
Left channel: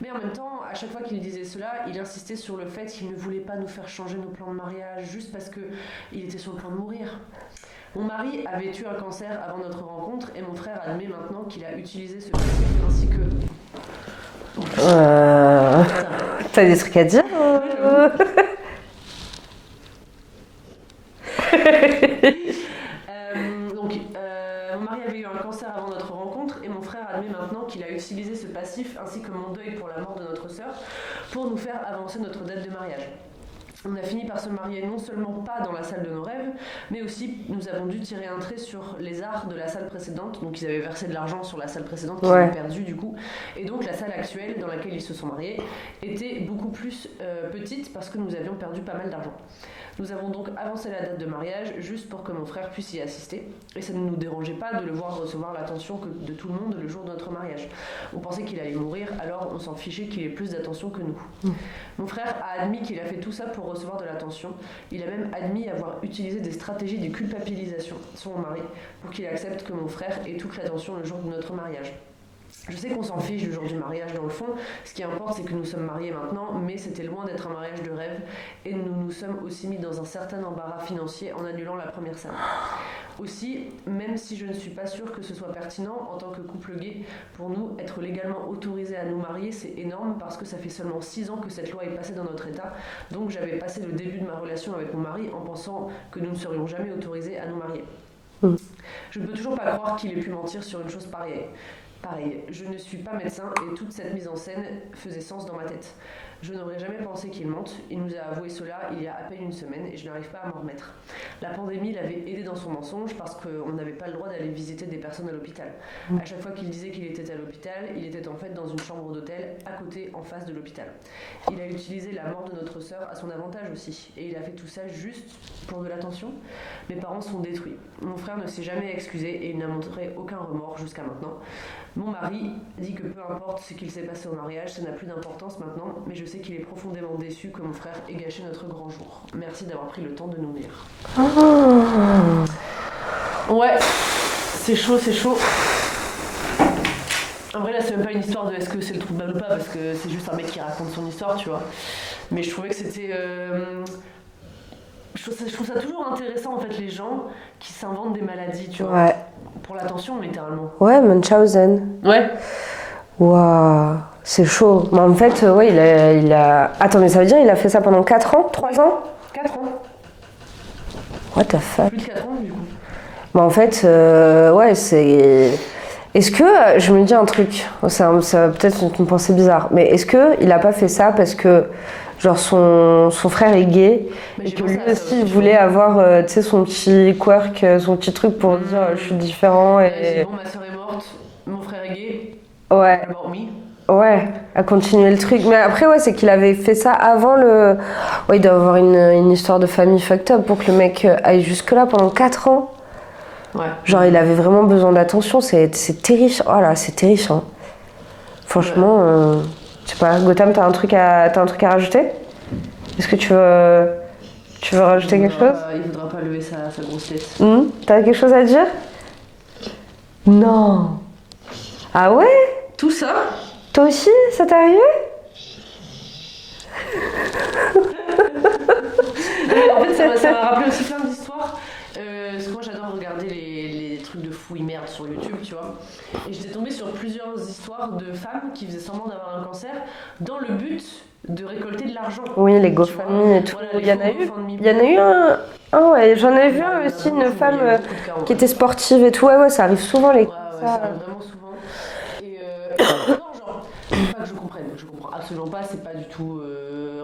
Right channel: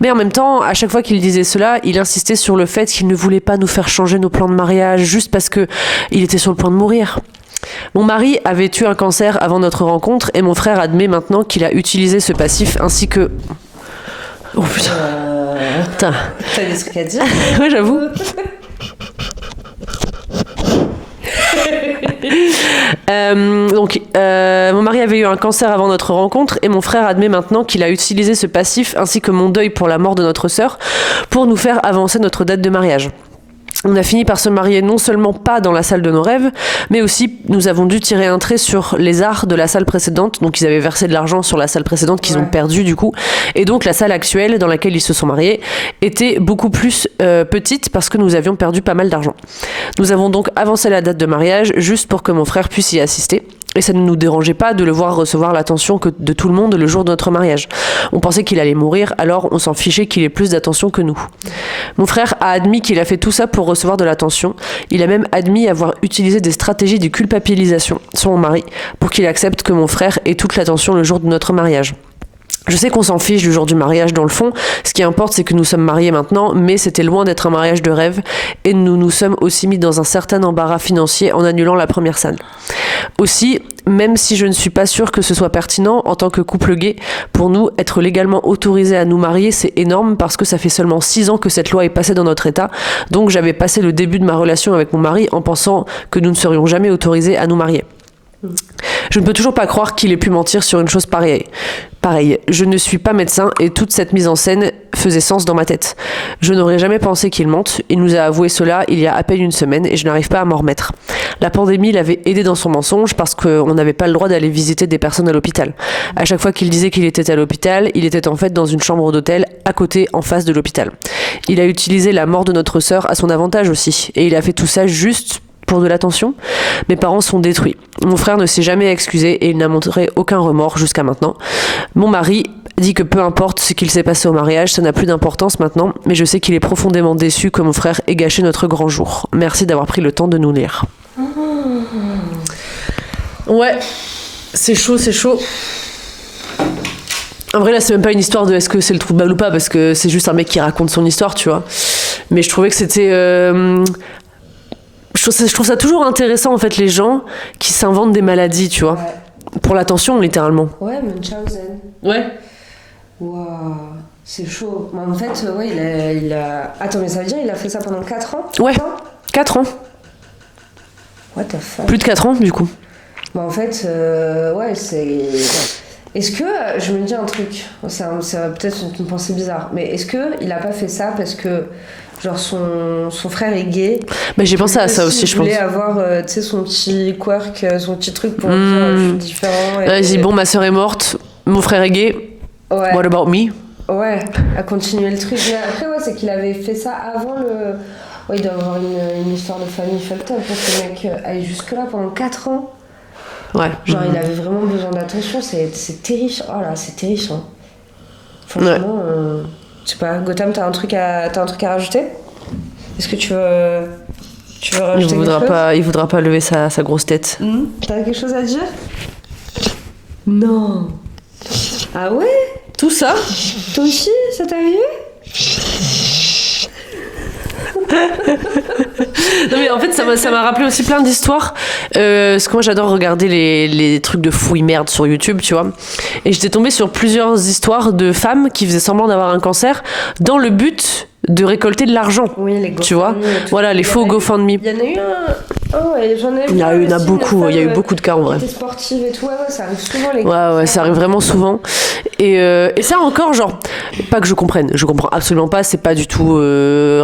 Mais en même temps, à chaque fois qu'il disait cela, il insistait sur le fait qu'il ne voulait pas nous faire changer nos plans de mariage juste parce qu'il était sur le point de mourir. Mon mari avait eu un cancer avant notre rencontre et mon frère admet maintenant qu'il a utilisé ce passif ainsi que... Oh putain. Putain. T'as des trucs à dire? Ouais, j'avoue. Mon mari avait eu un cancer avant notre rencontre et mon frère admet maintenant qu'il a utilisé ce passif ainsi que mon deuil pour la mort de notre sœur pour nous faire avancer notre date de mariage. On a fini par se marier non seulement pas dans la salle de nos rêves, mais aussi nous avons dû tirer un trait sur les arts de la salle précédente. Donc ils avaient versé de l'argent sur la salle précédente qu'ils ont perdu du coup. Et donc la salle actuelle dans laquelle ils se sont mariés était beaucoup plus petite parce que nous avions perdu pas mal d'argent. Nous avons donc avancé la date de mariage juste pour que mon frère puisse y assister. Et ça ne nous dérangeait pas de le voir recevoir l'attention de tout le monde le jour de notre mariage. On pensait qu'il allait mourir, alors on s'en fichait qu'il ait plus d'attention que nous. Mon frère a admis qu'il a fait tout ça pour recevoir de l'attention. Il a même admis avoir utilisé des stratégies de culpabilisation sur mon mari pour qu'il accepte que mon frère ait toute l'attention le jour de notre mariage. Je sais qu'on s'en fiche du jour du mariage dans le fond, ce qui importe c'est que nous sommes mariés maintenant, mais c'était loin d'être un mariage de rêve et nous nous sommes aussi mis dans un certain embarras financier en annulant la première salle. Aussi, même si je ne suis pas sûre que ce soit pertinent en tant que couple gay, pour nous, être légalement autorisé à nous marier, c'est énorme parce que ça fait seulement 6 ans que cette loi est passée dans notre état, donc j'avais passé le début de ma relation avec mon mari en pensant que nous ne serions jamais autorisés à nous marier. Je ne peux toujours pas croire qu'il ait pu mentir sur une chose pareille. Je ne suis pas médecin et toute cette mise en scène faisait sens dans ma tête. Je n'aurais jamais pensé qu'il mente. Il nous a avoué cela il y a à peine une semaine et je n'arrive pas à m'en remettre. La pandémie l'avait aidé dans son mensonge parce qu'on n'avait pas le droit d'aller visiter des personnes à l'hôpital. À chaque fois qu'il disait qu'il était à l'hôpital, il était en fait dans une chambre d'hôtel à côté, en face de l'hôpital. Il a utilisé la mort de notre sœur à son avantage aussi et il a fait tout ça juste pour de l'attention. Mes parents sont détruits. Mon frère ne s'est jamais excusé et il n'a montré aucun remords jusqu'à maintenant. Mon mari dit que peu importe ce qu'il s'est passé au mariage, ça n'a plus d'importance maintenant, mais je sais qu'il est profondément déçu que mon frère ait gâché notre grand jour. Merci d'avoir pris le temps de nous lire. Ouais, c'est chaud. En vrai, là, c'est même pas une histoire de est-ce que c'est le trou de balle ou pas, parce que c'est juste un mec qui raconte son histoire, tu vois. Mais je trouvais que c'était... Je trouve ça toujours intéressant, en fait, les gens qui s'inventent des maladies, tu vois. Ouais. Pour l'attention, littéralement. Ouais, Munchausen. Ouais. Waouh, c'est chaud. Mais en fait, ouais, il a... Attends, mais ça veut dire il a fait ça pendant 4 ans? Ouais, 4 ans. What the fuck? Plus de 4 ans, du coup. Bah en fait, ouais, c'est... Est-ce que, je me dis un truc, c'est peut-être une pensée bizarre, mais est-ce que il a pas fait ça parce que, genre, son frère est gay? Bah, j'ai pensé à ça aussi, je pense. Il voulait avoir, tu sais, son petit quirk, son petit truc pour dire je suis différent. Ouais, il dit bon, ma sœur est morte, mon frère est gay, ouais. what about me? Ouais, à continuer le truc. Mais après, ouais, c'est qu'il avait fait ça avant le... Ouais, il doit avoir une histoire de famille fucked up pour que le mec aille jusque-là pendant 4 ans. Ouais. Genre, il avait vraiment besoin d'attention, c'est terrifiant. Oh là, c'est terrifiant. Franchement, je sais pas, Gotham, t'as un truc à rajouter? Est-ce que tu veux rajouter quelque chose? Il voudra pas lever sa grosse tête. T'as quelque chose à dire? Non. Ah ouais? Tout ça? Toi aussi, ça t'est arrivé? Non mais en fait ça m'a rappelé aussi plein d'histoires parce que moi j'adore regarder les trucs de fouilles merde sur YouTube, tu vois, et j'étais tombée sur plusieurs histoires de femmes qui faisaient semblant d'avoir un cancer dans le but de récolter de l'argent. Oui, les GoFundMe. Tu vois, voilà, les faux GoFundMe. Il y en a eu un... Ah ouais, j'en ai vu. Il y en a beaucoup, il y a eu beaucoup de cas en vrai. Qui était sportive et tout, ouais, ça arrive souvent les cancers. Ouais, ça arrive vraiment souvent. Et ça encore, genre, pas que je comprenne, je comprends absolument pas, c'est pas du tout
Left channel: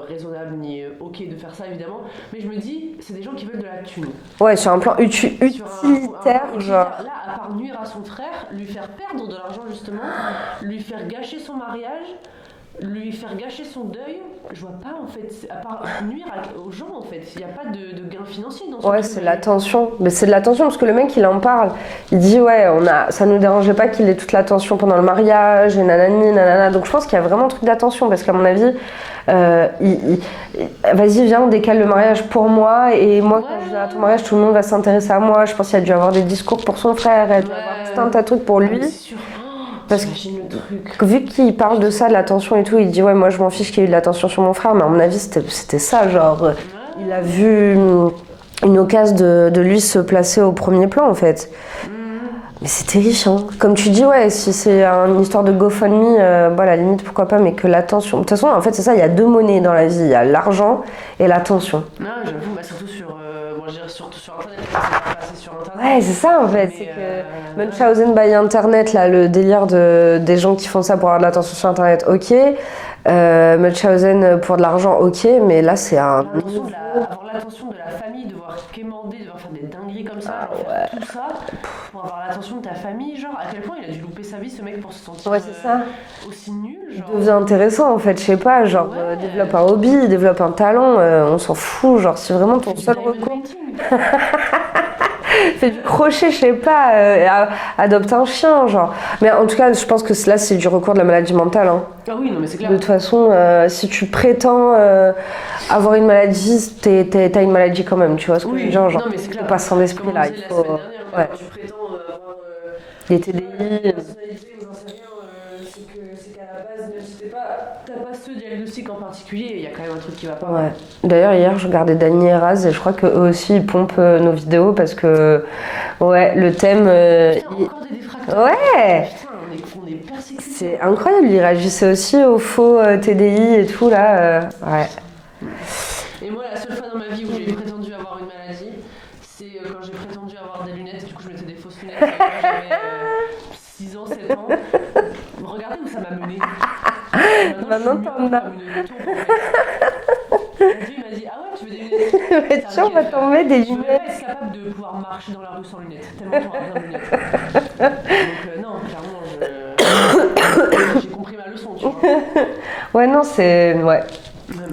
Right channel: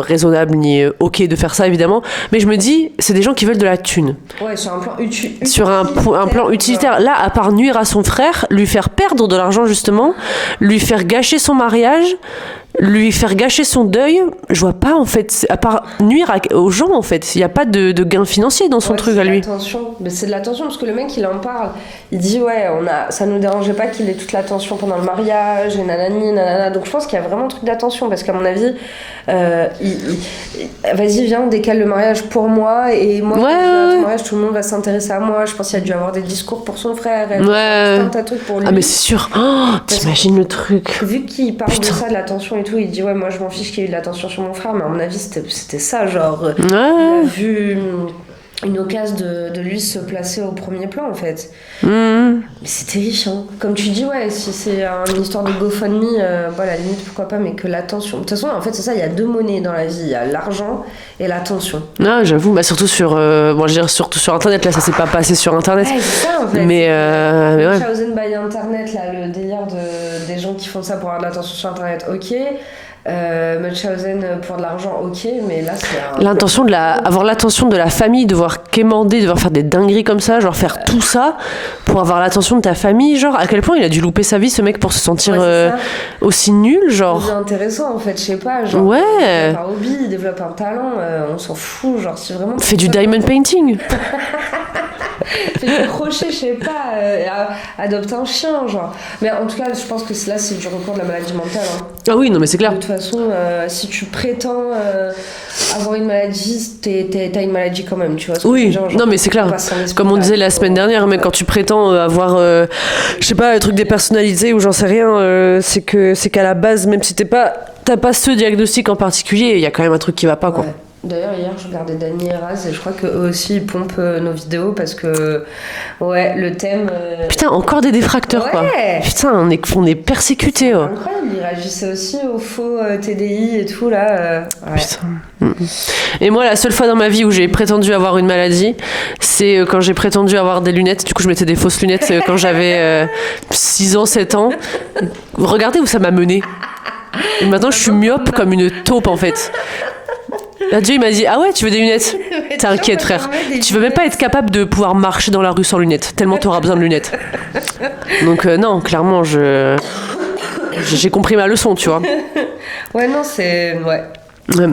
raisonnable ni ok de faire ça évidemment, mais je me dis, c'est des gens qui veulent de la thune. Ouais, sur un plan utilitaire. Sur un plan utilitaire. Là, à part nuire à son frère, lui faire perdre de l'argent justement, lui faire gâcher son mariage, lui faire gâcher son deuil, je vois pas en fait, à part nuire aux gens en fait, il n'y a pas de gain financier dans son truc à lui. L'attention. Mais c'est de l'attention parce que le mec il en parle, il dit ouais, ça ne nous dérangeait pas qu'il ait toute l'attention pendant le mariage et nanani nanana, donc je pense qu'il y a vraiment un truc d'attention parce qu'à mon avis vas-y viens, décale le mariage pour moi et moi quand je viens à ton mariage tout le monde va s'intéresser à moi. Je pense qu'il a dû avoir des discours pour son frère et tout un tas de trucs pour lui. Ah mais c'est sûr, t'imagines le truc, vu qu'il parle de ça, de l'attention et tout, il dit ouais moi je m'en fiche qu'il y ait de l'attention sur mon frère, mais à mon avis c'était ça, genre il a vu une occasion de lui se placer au premier plan en fait. Mais c'est terrifiant. Comme tu dis, ouais, si c'est une histoire de GoFundMe, à la limite pourquoi pas, mais que l'attention. De toute façon, en fait, c'est ça, il y a 2 monnaies dans la vie, il y a l'argent et l'attention. Non, j'avoue, surtout sur, surtout sur Internet, là, ça s'est pas passé sur Internet. Ouais, c'est ça en fait. Mais Munchausen by Internet, là, le délire des gens qui font ça pour avoir de l'attention sur Internet, ok. Munchausen pour de l'argent, ok, mais là c'est avoir l'attention de la famille, devoir quémander, devoir faire des dingueries comme ça, genre faire tout ça pour avoir l'attention de ta famille, genre à quel point il a dû louper sa vie ce mec pour se sentir aussi nul, genre. C'est intéressant en fait, je sais pas, genre il développe un hobby, il développe un talent, on s'en fout, genre c'est vraiment. Fait du diamond painting. Fait du crochet, je sais pas, adopte un chien, genre. Mais en tout cas, je pense que là, c'est du recours de la maladie mentale. Hein. Ah oui, non, mais c'est clair. De toute façon, si tu prétends avoir une maladie, t'as une maladie quand même, tu vois. Oui, genre, non, mais c'est clair. Comme on disait la semaine dernière, mais quand tu prétends avoir, je sais pas, un truc dépersonnalisé ou j'en sais rien, c'est qu'à la base, même si t'as pas ce diagnostic en particulier, il y a quand même un truc qui va pas, quoi. Ouais. D'ailleurs, hier, je regardais Dany et Raz et je crois qu'eux aussi, ils pompent nos vidéos parce que, ouais, le thème... Putain, encore des défracteurs, quoi. Putain, on est persécutés. C'est incroyable, ils réagissaient aussi aux faux TDI et tout, là. Ouais. Putain. Et moi, la seule fois dans ma vie où j'ai prétendu avoir une maladie, c'est quand j'ai prétendu avoir des lunettes. Du coup, je mettais des fausses lunettes quand j'avais 6 ans, 7 ans. Regardez où ça m'a mené. Et maintenant, je suis myope comme une taupe, en fait. Là, Dieu, il m'a dit ah ouais, tu veux des lunettes? T'inquiète, frère. Tu veux même pas être capable de pouvoir marcher dans la rue sans lunettes, tellement t'auras besoin de lunettes. Donc non, clairement, j'ai compris ma leçon, tu vois. Ouais, non, c'est... Ouais.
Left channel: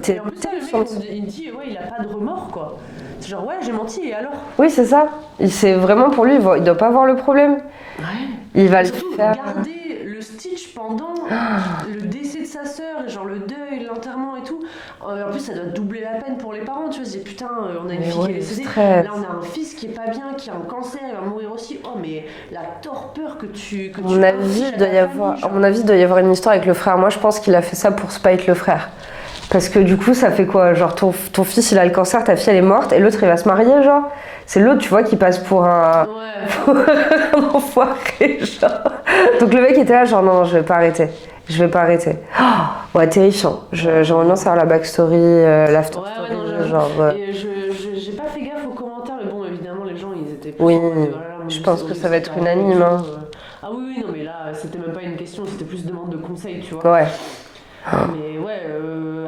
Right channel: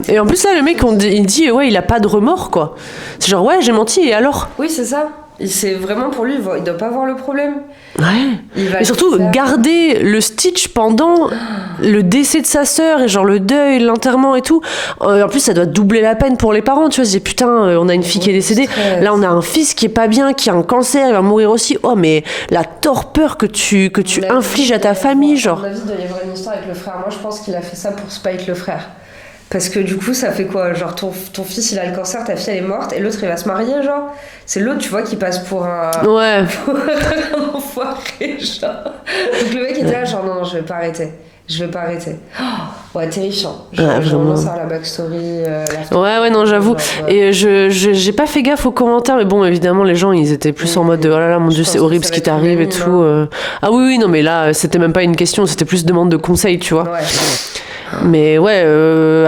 Et en plus, là, le mec, il dit ouais, il a pas de remords, quoi. C'est genre, ouais, j'ai menti, et alors? Oui, c'est ça. C'est vraiment pour lui, il doit pas voir le problème. Ouais. Il va Et surtout, garder le Stitch pendant le décès de sa sœur et genre le deuil, l'enterrement et tout. En plus, ça doit doubler la peine pour les parents. Tu vois, je dis putain, on a une fille qui est décédée. Stress. Là, on a un fils qui est pas bien, qui a un cancer, il va mourir aussi. Oh, mais la torpeur que tu infliges à ta famille, genre. À mon avis, il doit y avoir une histoire avec le frère. Moi, je pense qu'il a fait ça pour spite le frère. Parce que du coup, ça fait quoi? Genre, ton fils, il a le cancer, ta fille, elle est morte, et l'autre, il va se marier, genre. C'est l'autre, tu vois, qui passe pour un... Ouais. un enfoiré, genre. Donc le mec était là, genre, non, je vais pas arrêter. Ouais, terrifiant. J'aimerais bien savoir la backstory, Ouais, non, j'avoue. Genre, ouais. Et j'ai pas fait gaffe aux commentaires, mais bon, évidemment, les gens, ils étaient plus en mode de, oh là là, mon Dieu, c'est horrible ce qui t'arrive et tout. Ah oui, non, mais là, c'était même pas une question, c'était plus demande de conseils, tu vois. Ouais. Mais ouais,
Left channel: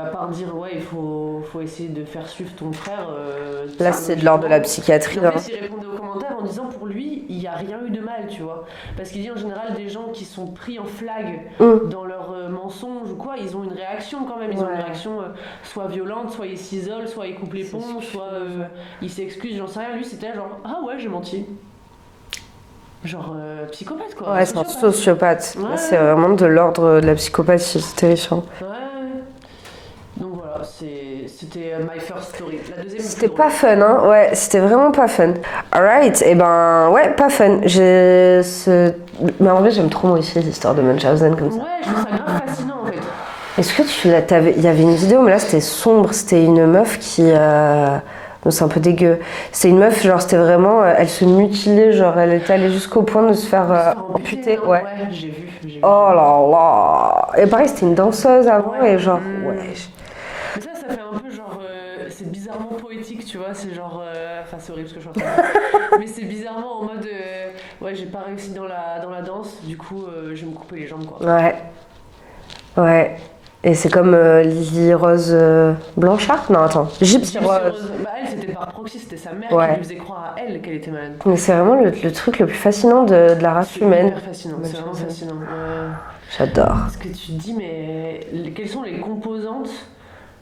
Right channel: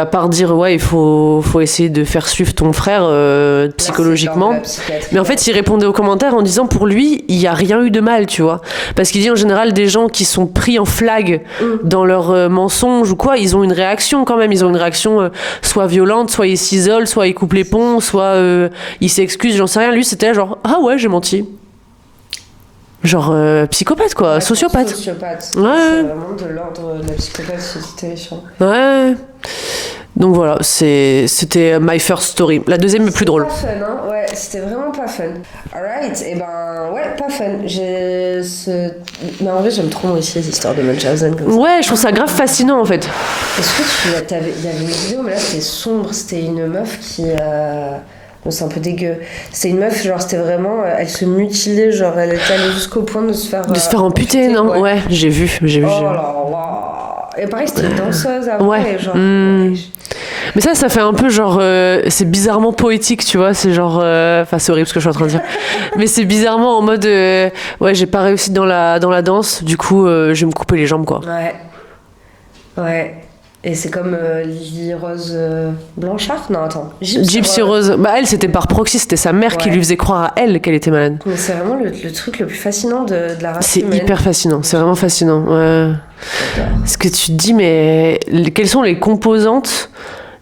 à part dire, ouais, il faut essayer de faire suivre ton frère psychologiquement. Là, c'est de la Mais en fait, il répondait aux commentaires en disant, pour lui, il n'y a rien eu de mal, tu vois. Parce qu'il dit, en général, des gens qui sont pris en flag dans leurs mensonges ou quoi, ils ont une réaction quand même. Ils ont une réaction soit violente, soit ils s'isolent, soit ils coupent les ponts, soit ils s'excusent, j'en sais rien. Lui, c'était genre, ah ouais, j'ai menti. Genre psychopathe quoi, ouais, sociopathe. Ouais. C'est vraiment de l'ordre de la psychopathie, c'est terrifiant. Ouais. Donc voilà, c'était my first story. La deuxième est plus drôle. C'était pas fun, hein. Ouais, c'était vraiment pas fun. Alright, et ben ouais, pas fun. Mais en vrai, j'aime trop moi aussi l'histoire de Munchausen comme ça. Ouais, je trouve ça grave fascinant en fait. Est-ce que il y avait une vidéo, mais là c'était sombre, c'était une meuf qui... Non, c'est un peu dégueu. C'était une meuf, genre, c'était vraiment... elle se mutilait, genre, elle était allée jusqu'au point de se faire... amputer, non? Ouais, j'ai vu. Oh là là. Et pareil, c'était une danseuse avant, ouais. et genre... Ouais. Mais ça fait un peu genre... c'est bizarrement poétique, tu vois, c'est genre... Enfin, c'est horrible ce que je suis en train de dire. Mais c'est bizarrement en mode... ouais, j'ai pas réussi dans la danse, du coup, je vais me couper les jambes, quoi. Ouais. Et c'est comme Lily Rose Blanchard? Non, attends. Gypsy Rose. Bah, elle, c'était par proxy, c'était sa mère qui lui faisait croire à elle qu'elle était malade. Mais c'est vraiment le truc le plus fascinant de la race humaine. C'est hyper fascinant, c'est vraiment fascinant. Ouais. J'adore. Parce que tu te dis, mais quelles sont les composantes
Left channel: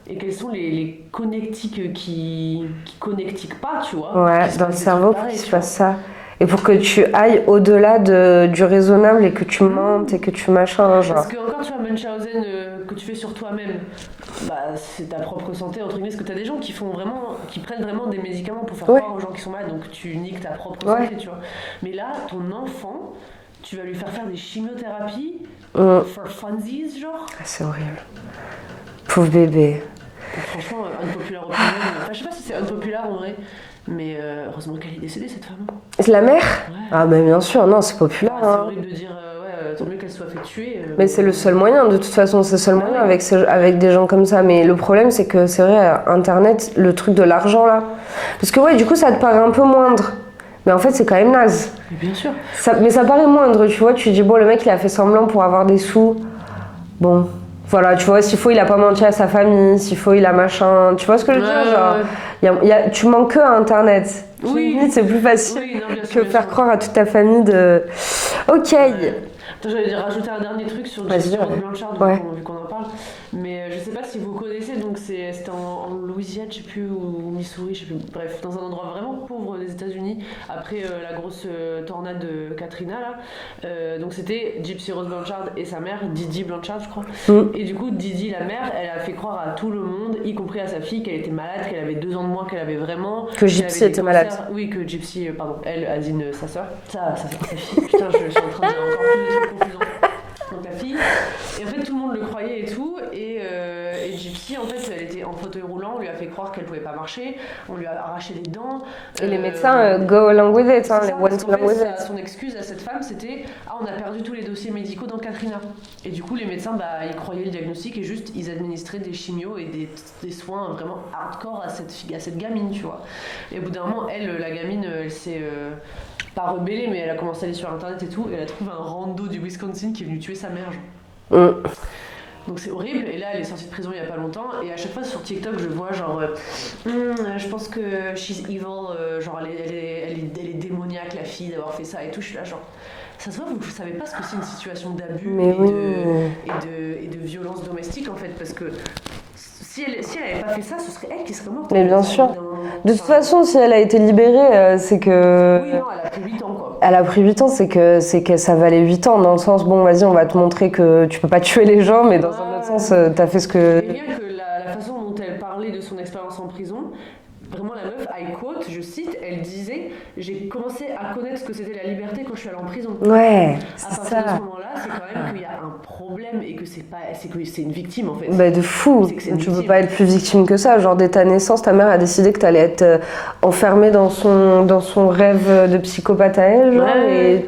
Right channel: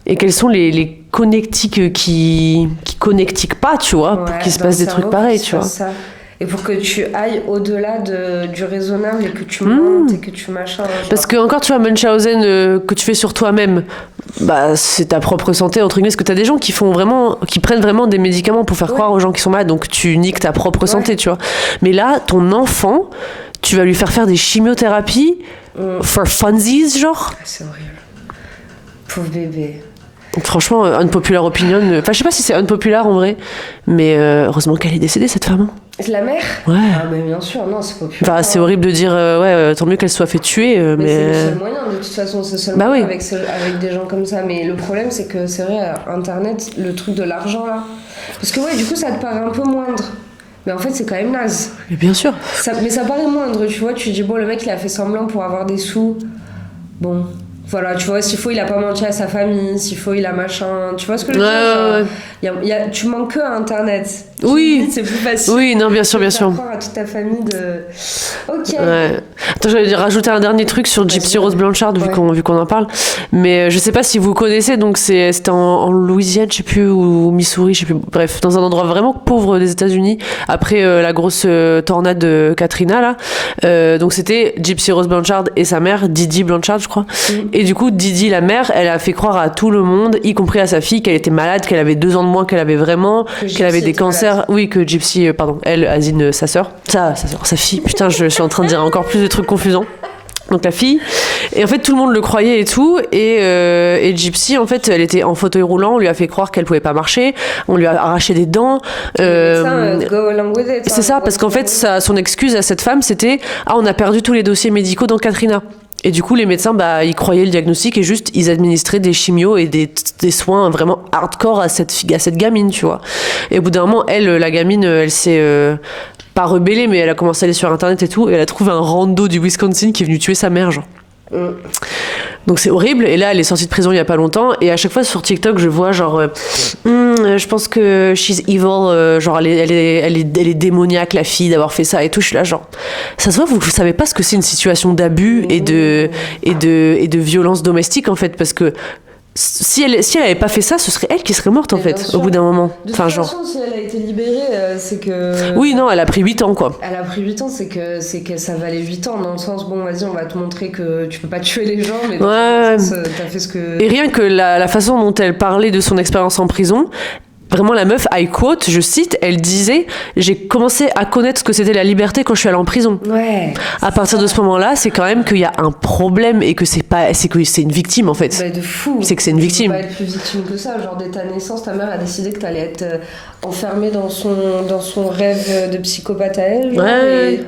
et quels sont les connectiques qui connectiquent pas, tu vois, pour qu'il se passe des trucs pareils, tu vois. Ça. Et pour que tu ailles au-delà du raisonnable et que tu mentes et que tu machin. Genre. Parce que encore, tu vois, Munchausen que tu fais sur toi-même, bah c'est ta propre santé entre guillemets. Parce que t'as des gens qui prennent vraiment des médicaments pour faire croire aux gens qui sont malades. Donc tu niques ta propre santé, tu vois. Mais là, ton enfant, tu vas lui faire des chimiothérapies for funsies, genre. C'est horrible. Pauvre bébé. Franchement, unpopular opinion. Enfin, je sais pas si c'est unpopular en vrai, mais heureusement qu'elle est décédée, cette femme. C'est la mère? Ouais. Ah, mais bien sûr, non, c'est populaire. Enfin, c'est horrible de dire, tant mieux qu'elle soit fait tuer. Mais c'est le seul moyen, de toute façon, c'est le seul moyen avec des gens comme ça. Mais le problème, c'est que c'est vrai, Internet, le truc de l'argent là. Parce que, ouais, du coup, ça te paraît un peu moindre. Mais en fait, c'est quand même naze. Mais bien sûr. Mais ça paraît moindre, tu vois. Tu dis, bon, le mec, il a fait semblant pour avoir des sous. Bon. Voilà, tu vois, s'il faut, il a pas menti à sa famille, s'il faut, il a machin. Tu vois ce que je veux dire? Tu manques que à Internet. Oui. C'est plus facile. Oui, non, bien sûr, bien sûr. Croire à toute ta famille de. Ok. Ouais. Attends, j'allais rajouter un dernier truc sur Gypsy Rose Blanchard, vu qu'on en parle. Mais je sais pas si vous connaissez, donc c'était en Louisiane, je sais plus, ou Missouri, je sais plus. Bref, dans un endroit vraiment pauvre des États-Unis, après la grosse tornade de Katrina, là. Donc c'était Gypsy Rose Blanchard et sa mère, Didi Blanchard, je crois. Et du coup, Didi, la mère, elle a fait croire à tout le monde, y compris à sa fille, qu'elle était malade, qu'elle avait 2 ans de moins qu'elle avait vraiment, qu'elle avait des cancers. Malade. Oui, que Gypsy, elle, Azine, sa sœur. Sa fille. Putain, je suis en train de dire encore plus de trucs confusants. Donc la fille. Et en fait, tout le monde le croyait et tout. Et Gypsy, en fait, elle était en fauteuil roulant. On lui a fait croire qu'elle pouvait pas marcher. On lui a arraché des dents. Go along with it. C'est ça, parce qu'en fait, son excuse à cette femme, c'était « Ah, on a perdu tous les dossiers médicaux dans Katrina ». Et du coup, les médecins, ils croyaient le diagnostic et juste, ils administraient des chimios et des soins vraiment hardcore à cette gamine, tu vois. Et au bout d'un moment, la gamine, elle s'est pas rebellée, mais elle a commencé à aller sur Internet et tout, et elle a trouvé un rando du Wisconsin qui est venu tuer sa mère, genre. Donc c'est horrible. Et là, elle est sortie de prison il y a pas longtemps. Et à chaque fois sur TikTok, je vois genre, je pense que she's evil. Genre, elle est démoniaque, la fille, d'avoir fait ça et tout. Je suis là, genre, ça se voit, vous savez pas ce que c'est une situation d'abus et de violence domestique en fait, parce que si elle avait pas fait ça, ce serait elle qui serait morte, en Mais bien fait, sûr. au bout d'un moment. De toute Enfin, genre... façon, si elle a été libérée, c'est que... Oui, non, elle a pris 8 ans, quoi. Elle a pris 8 ans, c'est que ça valait 8 ans, dans le sens, bon, vas-y, on va te montrer que tu peux pas tuer les gens, mais dans le sens, t'as fait ce que... Et rien que la façon dont elle parlait de son expérience en prison, vraiment la meuf, I quote, je cite, elle disait « J'ai commencé à connaître ce que c'était la liberté quand je suis allée en prison. » Ouais. À partir de ce moment-là, c'est quand même qu'il y a un problème et que c'est une victime, en fait. Bah, de fou. C'est que c'est une victime. Tu peux pas être plus victime que ça. Genre, dès ta naissance, ta mère a décidé que t'allais être enfermée dans son rêve de psychopathe à elle. Genre, Ouais.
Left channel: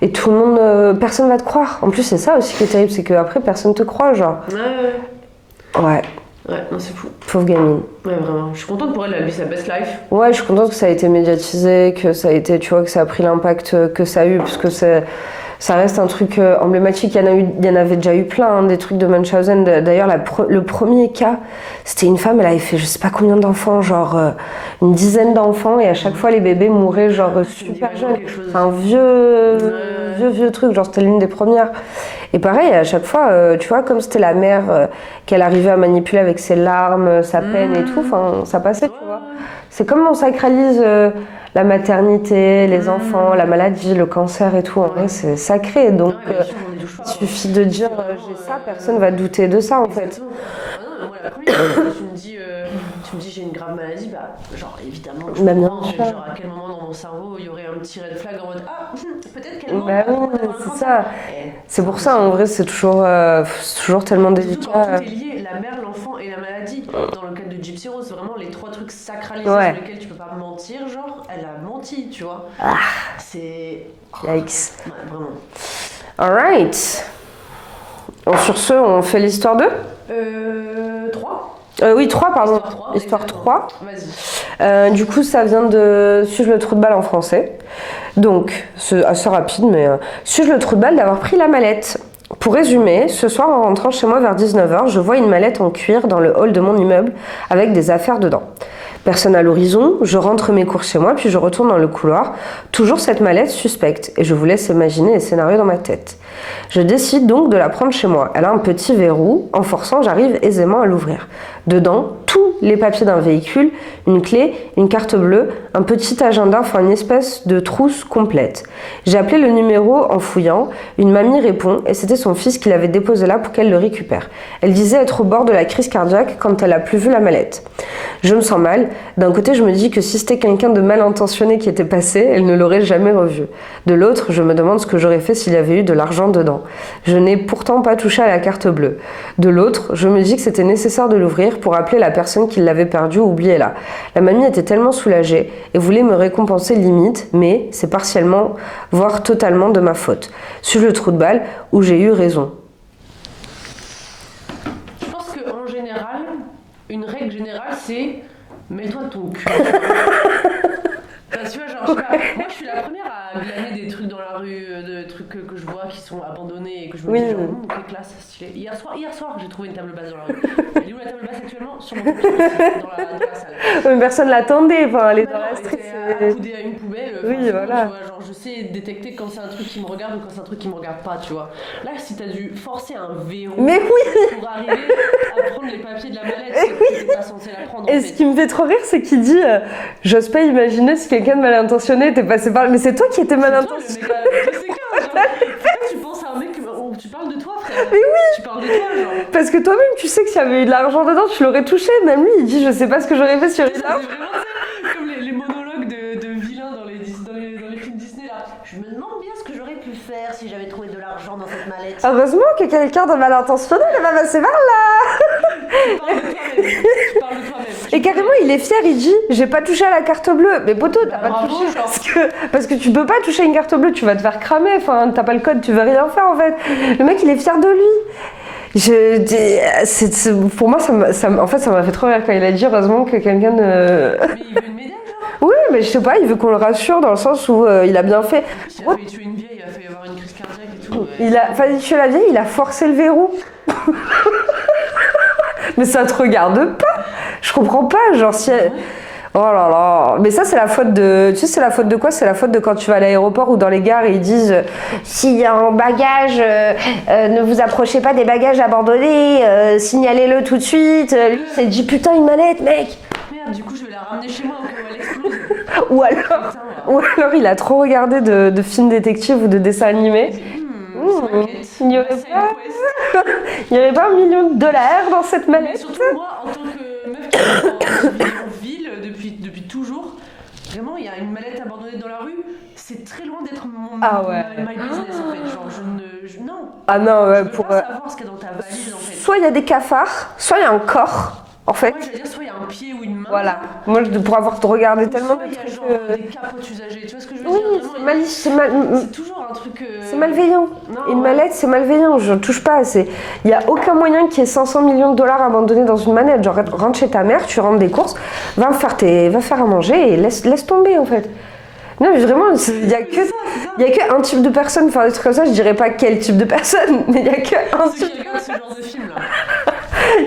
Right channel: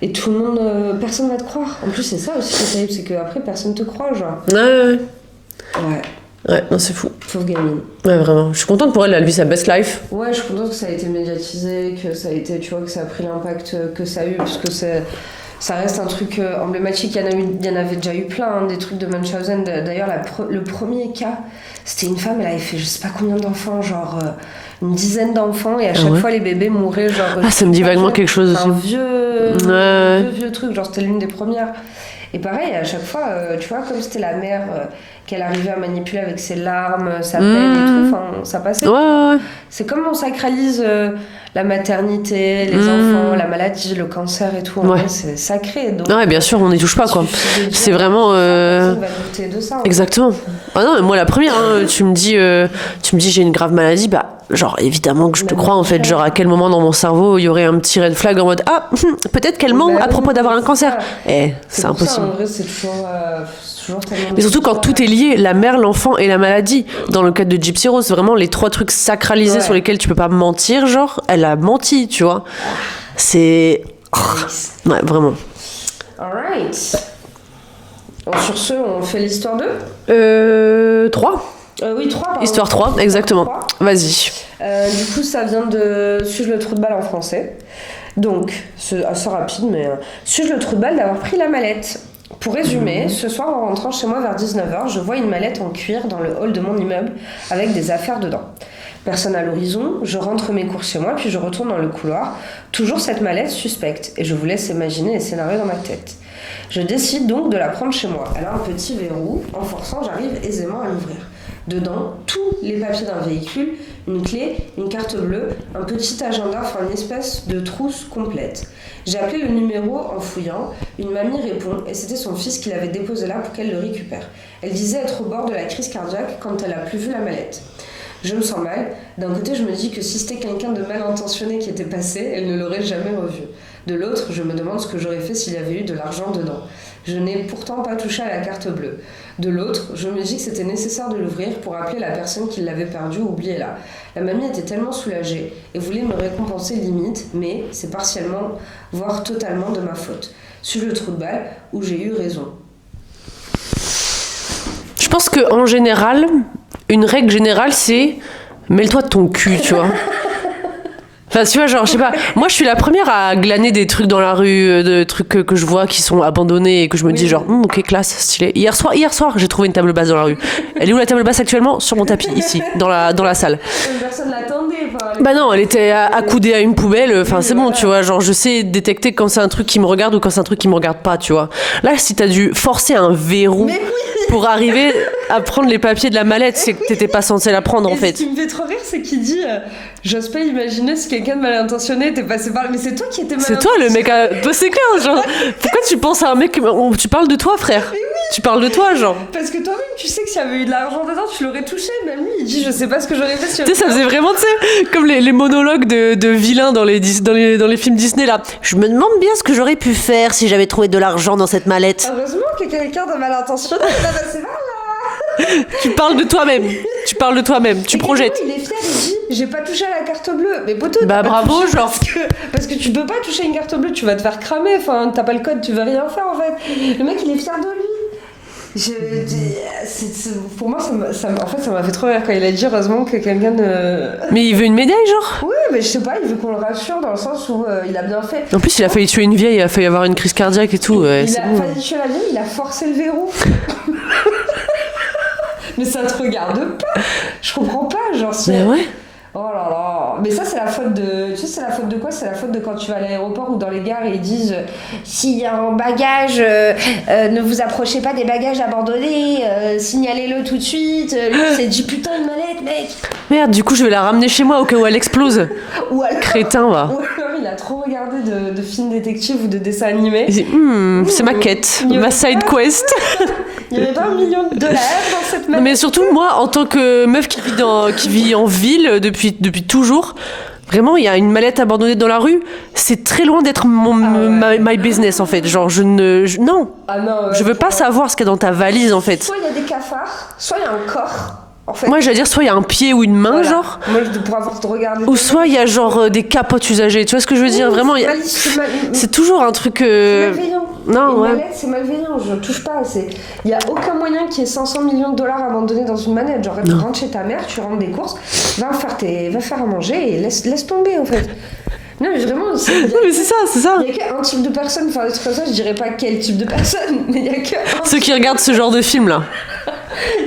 et tout le monde... personne va te croire. En plus, c'est ça aussi qui est terrible, c'est qu'après, personne te croit, genre. Ouais. Ouais, non, c'est fou. Pauvre gamine. Ouais, vraiment. Je suis contente pour elle, elle vit sa best life. Ouais, je suis contente que ça a été médiatisé, que ça a été, tu vois, que ça a pris l'impact que ça a eu, parce que ça reste un truc emblématique. Il y en avait déjà eu plein, hein, des trucs de Munchausen. D'ailleurs, le premier cas, c'était une femme, elle avait fait je sais pas combien d'enfants, genre une dizaine d'enfants, et à chaque fois les bébés mouraient, genre. Ah, ça me dit vaguement quelque chose. Un vieux truc, genre c'était l'une des premières. Et pareil, à chaque fois, tu vois, comme c'était la mère qu'elle arrivait à manipuler avec ses larmes, sa peine et tout, enfin, ça passait. Ouais. C'est comme on sacralise la maternité, les enfants, la maladie, le cancer et tout. En vrai, c'est sacré. Donc, ouais, bien sûr, on n'y touche pas, quoi. C'est vraiment... Personne va douter de ça. Exactement. Ah non, mais moi, la première, hein, tu me dis j'ai une grave maladie, bah, genre, évidemment que je te crois, en fait. Genre, à quel moment dans mon cerveau, il y aurait un petit red flag en mode, ah, peut-être qu'elle ment à propos d'avoir un cancer. C'est pour ça, en vrai, c'est toujours tellement... Mais surtout quand tout est lié, la mère, l'enfant et la maladie. Dans le cadre de Gypsy Rose, c'est vraiment les 3 trucs sacralisés sur lesquels tu peux pas mentir, genre, elle a menti, tu vois. C'est... Ouais, vraiment. Alright. Sur ce, on fait l'histoire 2 3 oui, 3, pardon. Histoire 3, Histoire exactement. 3. Vas-y. Du coup, ça vient de Suis-je le trou de balle en français. Donc, c'est assez rapide, mais suis-je le trou de balle d'avoir pris la mallette. Pour résumer, ce soir, en rentrant chez moi vers 19h, je vois une mallette en cuir dans le hall de mon immeuble avec des affaires dedans. Personne à l'horizon, je rentre mes courses chez moi, puis je retourne dans le couloir. Toujours cette mallette suspecte, et je vous laisse imaginer les scénarios dans ma tête. Je décide donc de la prendre chez moi. Elle a un petit verrou, en forçant, j'arrive aisément à l'ouvrir. Dedans, tous les papiers d'un véhicule, une clé, une carte bleue, un petit agenda, enfin une espèce de trousse complète. J'ai appelé le numéro en fouillant, une mamie répond, et c'était son fils qui l'avait déposé là pour qu'elle le récupère. Elle disait être au bord de la crise cardiaque quand elle a plus vu la mallette. Je me sens mal. D'un côté, je me dis que si c'était quelqu'un de mal intentionné qui était passé, elle ne l'aurait jamais revu. De l'autre, je me demande ce que j'aurais fait s'il y avait eu de l'argent dedans. Je n'ai pourtant pas touché à la carte bleue. De l'autre, je me dis que c'était nécessaire de l'ouvrir pour appeler la personne qui l'avait perdue ou oubliée là. La mamie était tellement soulagée et voulait me récompenser limite, mais c'est partiellement, voire totalement de ma faute. Suis-je le trou de balle où j'ai eu raison? Je pense qu'en général, une règle générale, c'est mêle-toi de ton cul, tu vois. Enfin, tu vois, genre, je sais pas, moi je suis la première à glaner des trucs dans la rue, de trucs que je vois qui sont abandonnés et que je me dis genre, ok, classe, stylé. Hier soir, j'ai trouvé une table basse dans la rue. Elle est où la table basse actuellement? Sur mon tapis, ici, dans la salle. Personne l'attendait. Bah non, elle était accoudée à une poubelle, enfin c'est bon, voilà. tu vois, genre je sais détecter quand c'est un truc qui me regarde ou quand c'est un truc qui me regarde pas, tu vois. Là, si t'as dû forcer un verrou pour arriver à prendre les papiers de la mallette, c'est que t'étais pas censé la prendre en fait. Ce qui me fait trop rire, c'est qu'il dit j'ose pas imaginer si quelqu'un de mal intentionné était passé par là. Mais c'est toi qui étais mal intentionné. C'est toi le mec. C'est clair, genre. Pourquoi tu penses à un mec. Tu parles de toi, frère. Mais oui. Tu parles de toi, genre. Parce que toi-même, tu sais que s'il y avait eu de l'argent dedans, tu l'aurais touché. Même lui, il dit je sais pas ce que j'aurais fait sur. Tu sais, ça faisait vraiment, tu sais, comme les monologues de vilains dans les films Disney, là. Je me demande bien ce que j'aurais pu faire si j'avais trouvé de l'argent dans cette mallette. Heureusement que quelqu'un de mal intentionné va passer par là. Tu parles de toi-même. Tu projettes. Il est fier, il dit j'ai pas touché à la carte bleue. Mais poteau, bah bravo, genre. Parce que tu peux pas toucher une carte bleue, tu vas te faire cramer. Enfin, t'as pas le code, tu veux rien faire en fait. Le mec, il est fier de lui. Pour moi, ça m'a fait trop rire quand il a dit heureusement que quelqu'un de. Mais il veut une médaille, genre? Oui, mais je sais pas, il veut qu'on le rassure dans le sens où il a bien fait. En plus, il a failli tuer une vieille, il a failli avoir une crise cardiaque et tout. Il a failli tuer la vieille, il a forcé le verrou. Mais ça te regarde pas. Je comprends pas, genre si. Ouais. Oh là là. Mais ça, c'est la faute de. Tu sais, c'est la faute de quoi? C'est la faute de quand tu vas à l'aéroport ou dans les gares et ils disent s'il y a un bagage, ne vous approchez pas des bagages abandonnés, signalez-le tout de suite. Lui, il s'est dit putain, une mallette, mec. Merde, du coup, je vais la ramener chez moi au cas où elle explose. Ou alors, Crétin, va. ou alors il a trop regardé de films détectives ou de dessins animés. Il dit, c'est ma quête, Il y ma aurait side pas- quest. Il y avait pas $1 million dans cette mallette. Mais surtout, moi, en tant que meuf qui vit en ville depuis toujours, vraiment, il y a une mallette abandonnée dans la rue. C'est très loin d'être my business, en fait. Genre, non. Ah non, ouais, Je veux pas savoir ce qu'il y a dans ta valise, en fait. Soit il y a des cafards, soit il y a un corps. En fait, Moi, j'allais dire, soit il y a un pied ou une main, voilà. genre. Moi, je pourrais avoir te regarder. Ou soit il y a genre des capotes usagées. Tu vois ce que je veux dire? Vraiment, c'est toujours un truc. C'est malveillant. Non, une ouais. mallette, c'est malveillant. Je touche pas. Il y a aucun moyen qu'il y ait $500 millions abandonnés dans une manette. Genre, tu rentres chez ta mère, tu rentres des courses, va faire à manger et laisse tomber en fait. Non, mais vraiment, Mais c'est ça. Il y a qu'un type de personne, enfin des trucs comme ça. Je dirais pas quel type de personne, mais il y a qu'un. Ceux qui regardent ce genre de film là.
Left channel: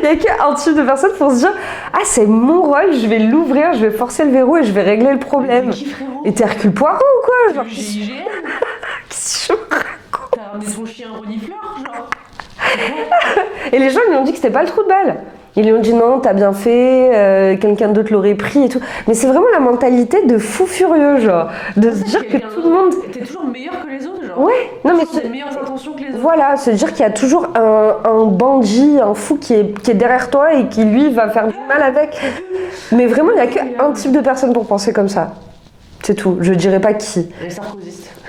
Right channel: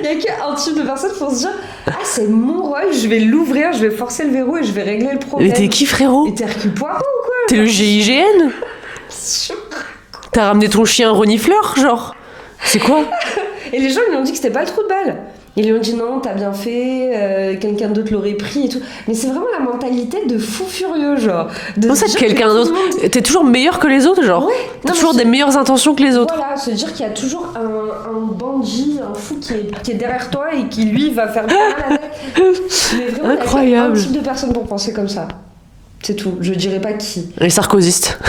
Il y a qu'un type de personne pour se dire ah, c'est mon rôle, je vais l'ouvrir, je vais forcer le verrou et je vais régler le problème. Mais t'es qui, frérot? Et t'es Hercule Poirot ou quoi? T'es le GIGN? T'as ramené ton chien renifleur, genre? C'est quoi? Et les gens ils lui ont dit que c'était pas le trou de balle. Ils lui ont dit non, t'as bien fait, quelqu'un d'autre l'aurait pris et tout. Mais c'est vraiment la mentalité de fou furieux, genre. Comment ça, quelqu'un d'autre? T'es toujours meilleur que les autres, genre? Ouais. T'as toujours des meilleures intentions que les autres. Voilà, se dire qu'il y a toujours un bandit, un fou qui est derrière toi et qui lui va faire du mal avec. Mais vraiment, il y a qu'un Incroyable. type de personne pour penser comme ça. C'est tout. Je dirais pas qui. Les sarkozystes.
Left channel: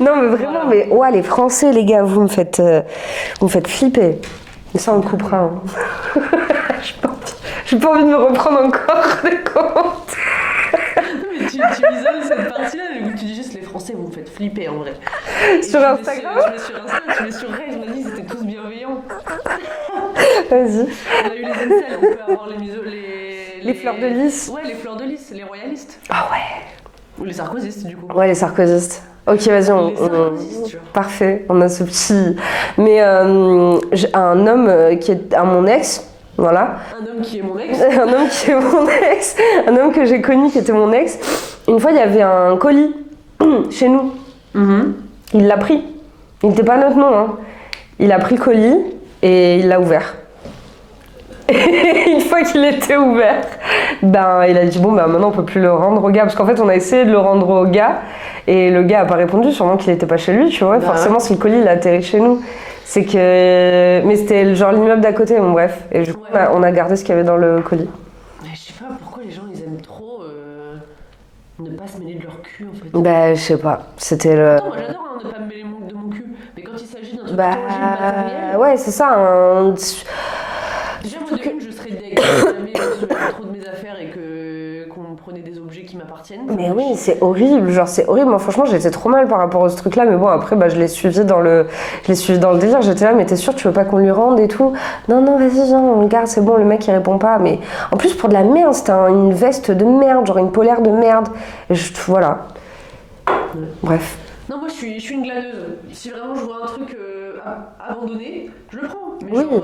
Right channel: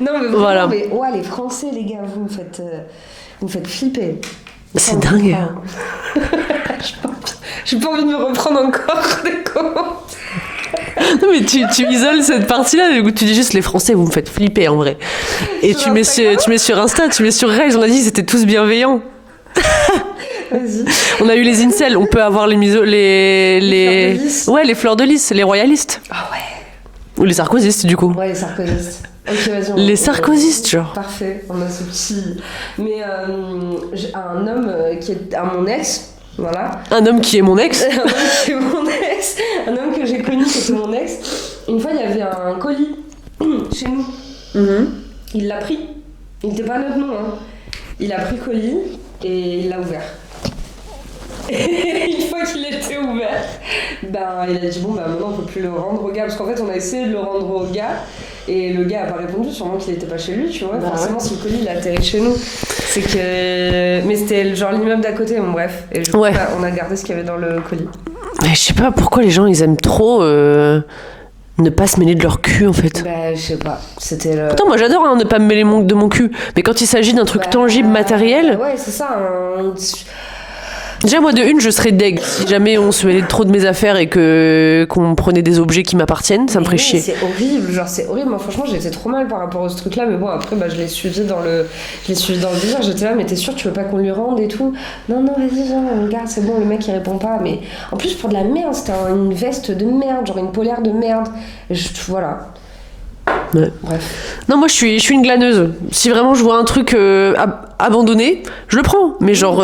Non mais vraiment, Voilà. mais ouais, les Français, les gars, vous me faites flipper. C'est dingue. J'ai pas envie de me reprendre encore des comptes. Non mais tu isoles cette partie-là, du coup tu dis juste les Français vous me faites flipper en vrai. Et Sur tu mets sur Insta, tu mets sur Reels, on a dit ils étaient tous bienveillants. Vas-y. On a eu les incels, on peut avoir les fleurs de lys. Ouais, les fleurs de lys, les royalistes. Ah ouais. Ou les sarkozystes du coup. Ouais, les sarkozystes. Ok, vas-y. Les sarkozystes, genre. Parfait, on a ce petit. Mais j'ai un homme qui est mon ex, voilà. Un homme qui est mon ex. Un homme qui est mon ex, un homme que j'ai connu qui était mon ex. Une fois, il y avait un colis chez nous. Il l'a pris. Il n'était pas à notre nom, hein. Il a pris le colis et il l'a ouvert. Et une fois qu'il était ouvert, ben il a dit bon ben maintenant on peut plus le rendre au gars parce qu'en fait on a essayé de le rendre au gars et le gars a pas répondu, sûrement qu'il était pas chez lui, tu vois. Bah Forcément si le colis il a atterri chez nous, c'est que mais c'était genre l'immeuble d'à côté, bon bref. Et du coup, Ouais. on a gardé ce qu'il y avait dans le colis. Mais je sais pas pourquoi les gens ils aiment trop ne pas se mêler de leur cul en fait. Bah je sais pas, c'était le. Pourtant moi j'adore hein, ne pas me mêler de mon cul, mais quand il s'agit d'un truc Bah, tangible, matériel, Ouais c'est ça. déjà moi de une je serais deg si jamais on se mêlait trop de mes affaires et qu'on prenait des objets qui m'appartiennent, ça me ferait Oui, chier. c'est horrible, genre c'est horrible. Moi franchement j'étais trop mal par rapport à ce truc là, mais bon après bah, je l'ai suivi dans le désir, j'étais là mais t'es sûr tu veux pas qu'on lui rende et tout? Non vas-y genre on garde, c'est bon, le mec il répond pas, mais en plus pour de la merde, c'était une veste de merde, genre une polaire de merde, et voilà. Ouais. Bref. Non, moi je suis une glaneuse. Si vraiment je vois un truc abandonné, je le prends. Mais genre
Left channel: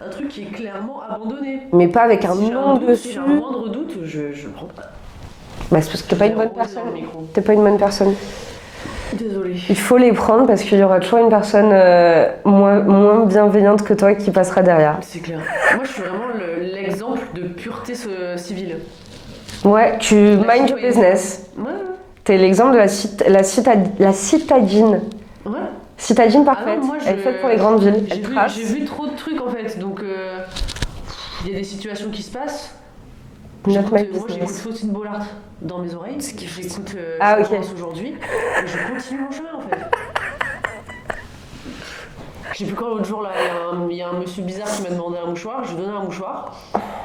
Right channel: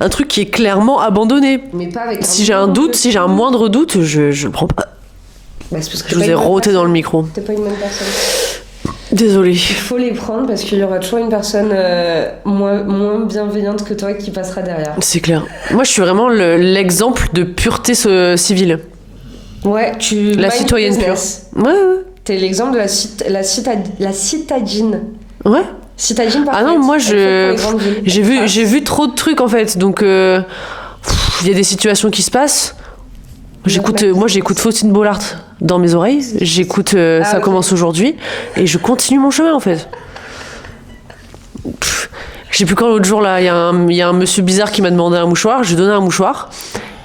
un truc qui est clairement abandonné. Mais pas avec un Si j'ai un nom doute, dessus. si j'ai un moindre doute, je le prends pas. Bah, c'est parce que Je t'es vous pas ai une bonne roté dans le personne. micro. T'es pas une bonne personne. Désolée. Il faut les prendre parce qu'il y aura toujours une personne moins bienveillante que toi qui passera derrière. C'est clair. Moi je suis vraiment l'exemple de pureté civile. Ouais, tu La mind citoyenne business. pure. Ouais. T'es l'exemple de la citadine. Ouais. Citadine parfaite. Ah non, moi Elle fait pour les grandes villes. j'ai vu trop de trucs en fait. Donc il y a des situations qui se passent. Moi j'écoute Faustine Bollard dans mes oreilles. J'écoute Ça ok. commence aujourd'hui et je continue mon chemin en fait. Je sais plus quand l'autre jour là, il y a un monsieur bizarre qui m'a demandé un mouchoir. Je lui ai donné un mouchoir.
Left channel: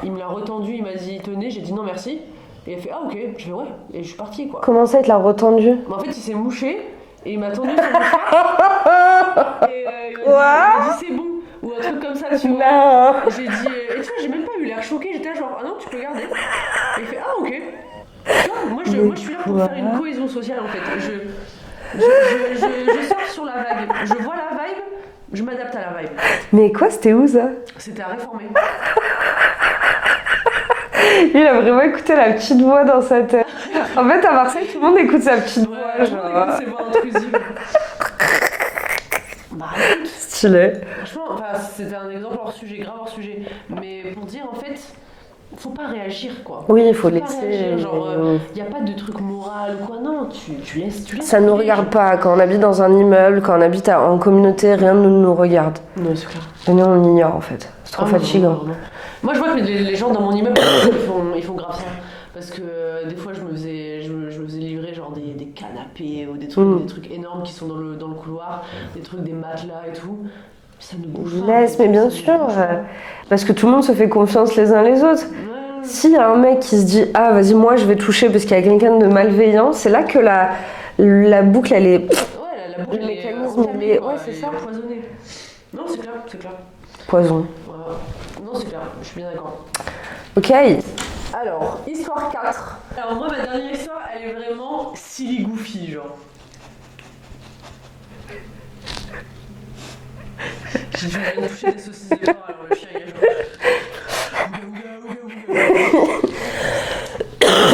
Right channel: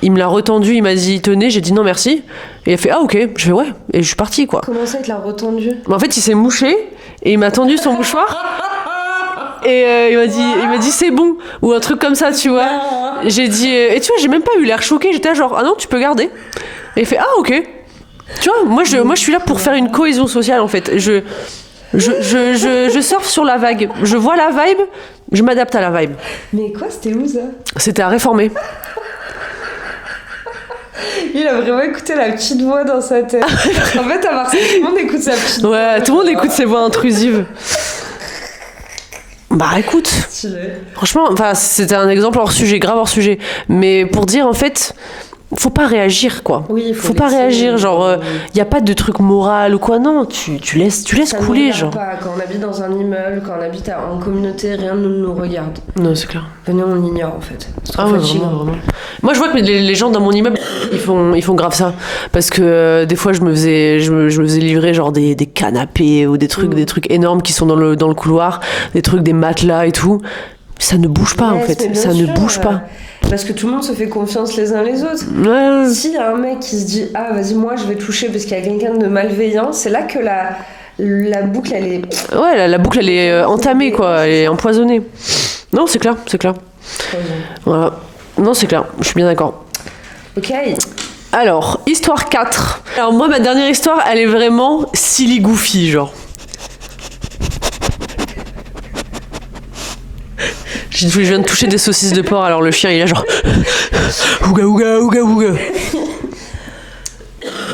Il me l'a retendu, il m'a dit tenez, j'ai dit non merci. Et il a fait ah ok, je fais ouais et je suis partie quoi. Comment ça, il te l'a retendu? Mais en fait il s'est mouché et il m'a tendu son mouchoir. Et il m'a dit c'est bon ou un truc comme ça tu vois. J'ai dit et tu vois j'ai même pas eu l'air choqué, j'étais là, genre ah non tu peux garder. Et il fait ah ok. Tu vois moi je suis là pour faire une cohésion sociale en fait. Je surfe sur la vague, je vois la vibe, je m'adapte à la vibe. Mais quoi, c'était où ça? C'était à réformer. Il a vraiment écouté la petite voix dans sa tête. En fait, à Marseille, tout le monde écoute sa petite voix. Ouais, tout le monde écoute ses voix intrusives. Bah écoute, Stylé. franchement, c'était un exemple hors sujet, grave hors sujet. Mais pour dire, en fait, faut pas réagir, quoi. Oui, il faut pas laisser, réagir, genre, y a pas de truc moral ou quoi, non, tu laisses ça nous couler, regarde genre. pas. Quand on habite dans un immeuble, quand on habite en communauté, rien ne nous regarde. Non, c'est clair. Nous, on ignore, en fait. C'est trop fatigant. Vraiment. Moi, je vois que les gens dans mon immeuble, ils font grave ça. Parce que des fois, je me faisais livrer genre des canapés ou des trucs énormes qui sont dans le couloir, des matelas et tout. Ça ne bouge pas, en fait. Ça ne bouge pas. Parce que tout le monde se fait confiance les uns les autres. Ouais. S'il y a un mec qui se dit « Ah, vas-y, moi, je vais toucher parce qu'il y a quelqu'un de malveillant », c'est là que la boucle, elle est... Ouais, la boucle, elle est entamée, quoi. Elle est empoisonnée. Non, c'est clair. Poison. Voilà. Non, c'est clair. Je suis bien d'accord. Ok. Alors, histoire 4. Alors, moi, ma dernière histoire, elle est vraiment silly goofy, genre. Je viens de toucher des saucisses de porc, alors le chien, il est genre... Ouga, ouga, ouga, ouga.